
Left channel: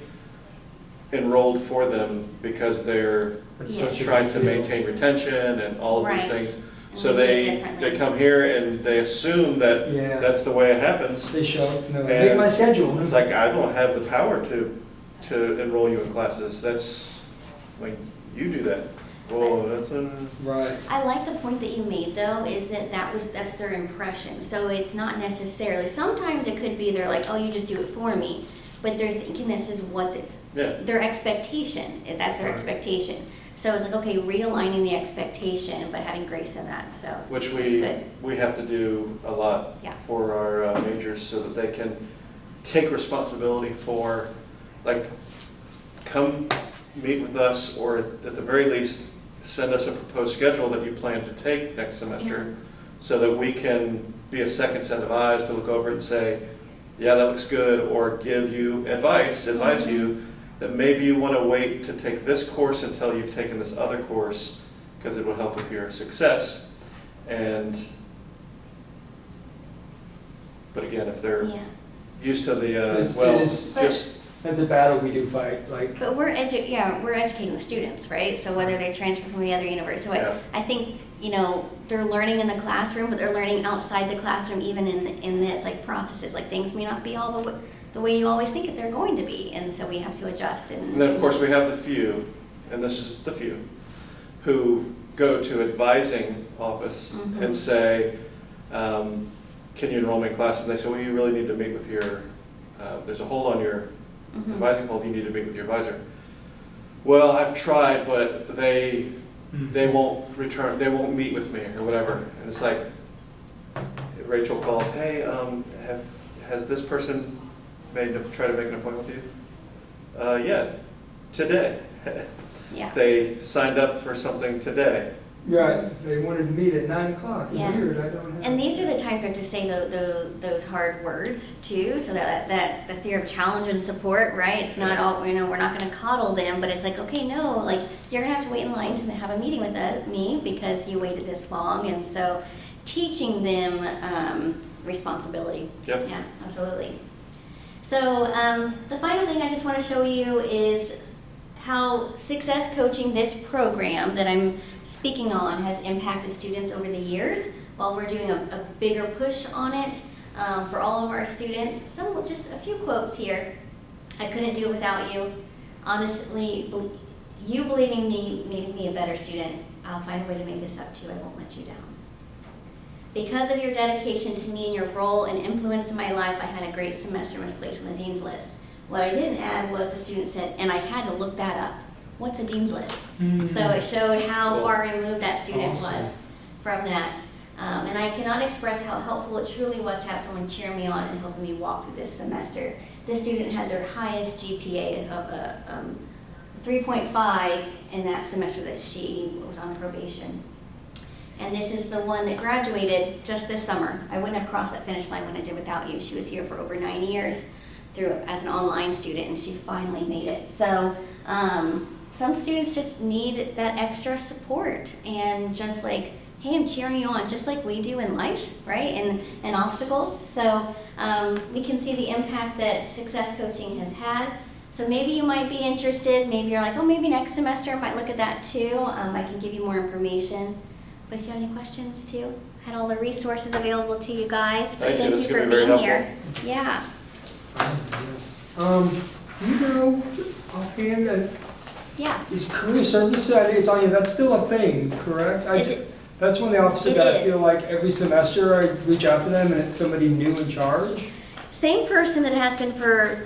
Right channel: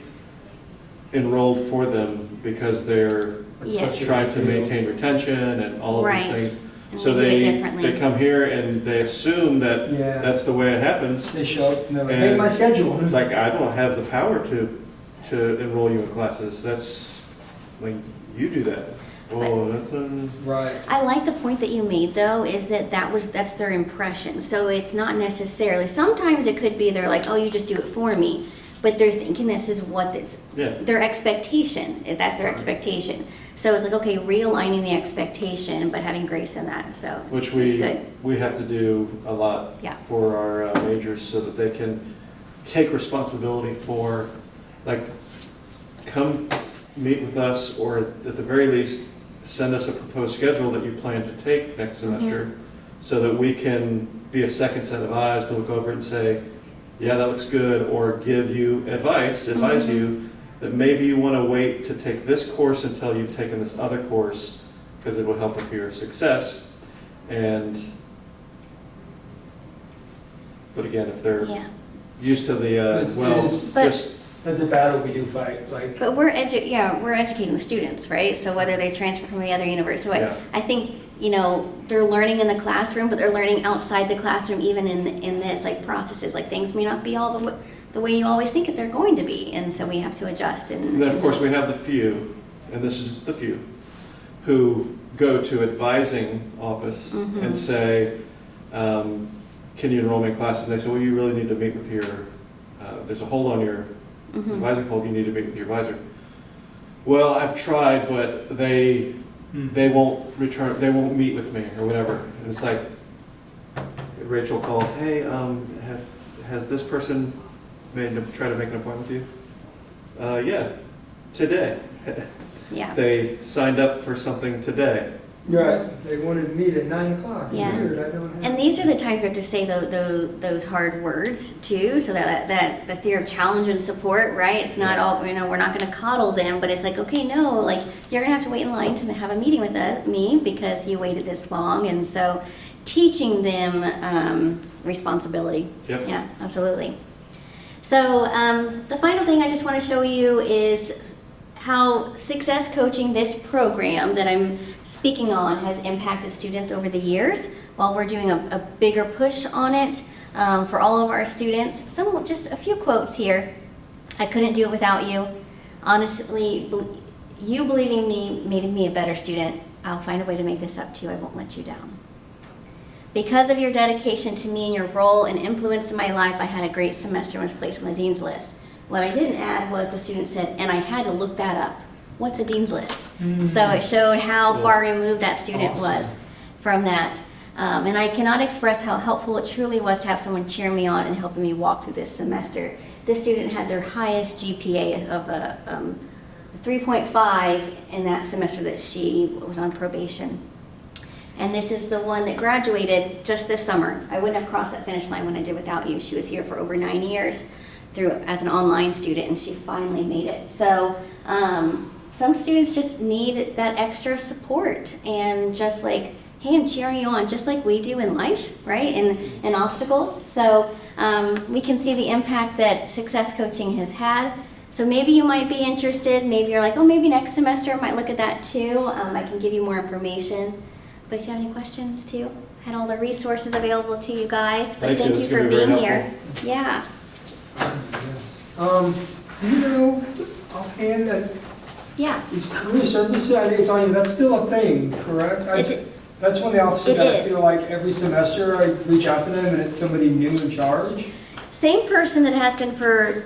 enrolled for them because they're That's Yes. such a trying to big deal. maintain retention and all of Right. these things. And So we do it they differently. come here and they assume that Yeah, that's the way it happens. they show up and they're like, And make my schedule. It's like, I don't have the power to enroll you in classes. That's, like, you do that. Oh, that's Right. I like the point that you made though, is that's their impression. So it's not necessarily, sometimes it could be they're like, oh, you just do it for me. But they're thinking this is what this, yeah. their expectation, that's their Right. expectation. So it's like, okay, realigning the expectation, but having grace in that, so Which that's good. we have to do a lot Yeah. for our majors so that they can take responsibility for, like, come meet with us, or at the very least, send us a proposed schedule that you plan to take next semester, so that we can be a second set of eyes to look over it and say, yeah, that looks good, or give you advise Mhm. you that maybe you want to wait to take this course until you've taken this other course, because it will help with your success. But again, if they're Yeah, used to the, It's- well, it is- But- just, That's a battle we do fight, like, but we're educating the students, right? So whether they transfer from the other university, so Yeah. I think, they're learning in the classroom, but they're learning outside the classroom, even in this, like, processes, like, things may not be all the way you always think that they're going to be, and so we have to adjust and. and then of course we have the few, and this is the few, who go to advising office Mhm. and say, can you enroll me in class? And they say, well, you really need to meet with your, there's a hold on your Mhm. advising hold, you need to meet with your advisor. Well, I've tried, but they won't meet with me or whatever. And it's like, Rachel calls, hey, has this person try to make an appointment with you? Yeah, today. Yeah. They signed up for something today. right, they wanted to meet at 9 o'clock. Yeah. Weird, I don't have. And these are the times we have to say those hard words too, so that the fear of challenge and support, right? It's not all, we're not gonna coddle them, but it's like, okay, no, like, you're gonna have to wait in line to have a meeting with me because you waited this long, and so teaching them responsibility. Yep. Yeah, absolutely. So the final thing I just wanna show you is how success coaching, this program that I'm speaking on, has impacted students over the years. While we're doing a bigger push on it for all of our students. Just a few quotes here. I couldn't do it without you. Honestly, you believing me made me a better student. I'll find a way to make this up to you. I won't let you down. Because of your dedication to me and your role and influence in my life, I had a great semester and was placed on the dean's list. What I didn't add was the student said, and I had to look that up. What's a dean's list? So it showed how far removed that student was from that. And I cannot express how helpful it truly was to have someone cheering me on and helping me walk through this semester. This student had their highest GPA of a 3.5 in that semester that she was on probation. And this is the one that graduated just this summer. I wouldn't have crossed that finish line when I did without you. She was here for over 9 years as an online student, and she finally made it. So some students just need that extra support, and just like, hey, I'm cheering you on, just like we do in life, right? And obstacles. So we can see the impact that success coaching has had. So maybe you might be interested. Maybe you're like, oh, maybe next semester I might look at that too. I can give you more information. But if you have any questions too, I had all the resources available to you guys. But thank you It's for gonna be very being here. helpful. Yeah. Yes. Do you know offhand that Yeah. is career services? I think it's on you. That's still a thing, correct? That's one of the offices It that I is. feel like every semester I reach out to them and it's somebody new in charge. Same person that has been for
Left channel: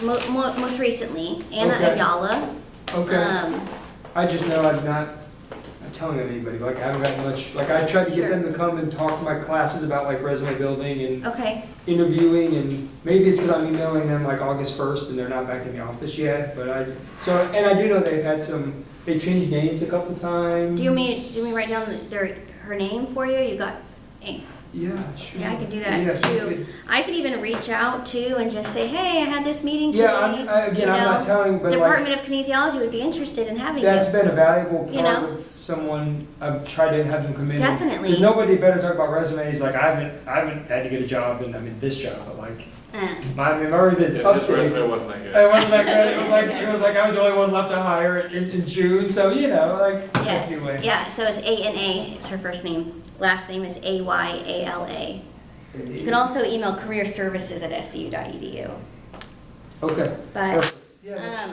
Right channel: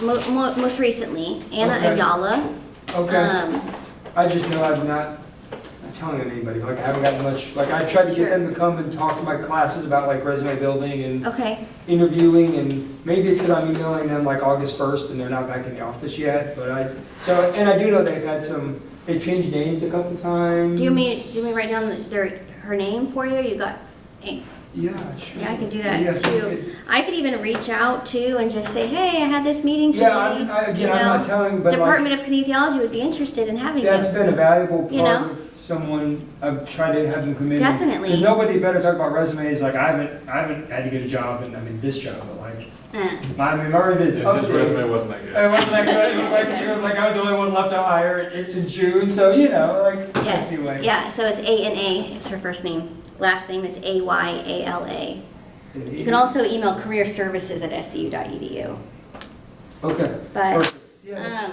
most recently, Anna Okay. Ayala. Okay. I just know I'm not telling anybody. Like I haven't gotten much. Like I tried to Sure. get them to come and talk to my classes about like resume building and Okay. interviewing, and maybe it's because I'm emailing them like August 1st and they're not back in the office yet. But I do know they've changed names a couple times. Do you mean write down her name for you? You got. Yeah, sure. Yeah, I can do that Yes, too. you could. I could even reach out too and just say, hey, I had this meeting today. Yeah, I'm not telling, but Department of Kinesiology would be interested in having that's you. been a valuable You part know? of someone, I've tried to have them come in. Definitely. There's nobody better to talk about resumes, like I haven't had to get a job, and I'm in this job, but like, I'm already busy. Yeah, his resume wasn't that good. It wasn't that good. It was like I was the only one left to hire in June, so like. Yes, Anyway. yeah, so it's A-N-A, it's her first name. Last name is A-Y-A-L-A. You can also email careerservices@scu.edu. Okay. But, Perfect. Yeah, that's-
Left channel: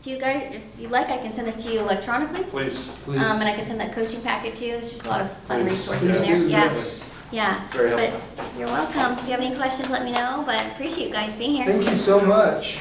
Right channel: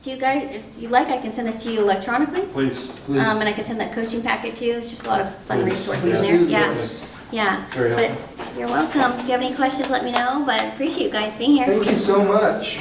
if you guys, if you'd like, I can send this to you electronically. Please. And I can send that coaching packet to you. It's just a lot of fun Please. resources in Please there. do, Yeah, yes. yeah. Very But helpful. you're welcome. If you have any questions, let me know, but I appreciate you guys being here. Thank you so much.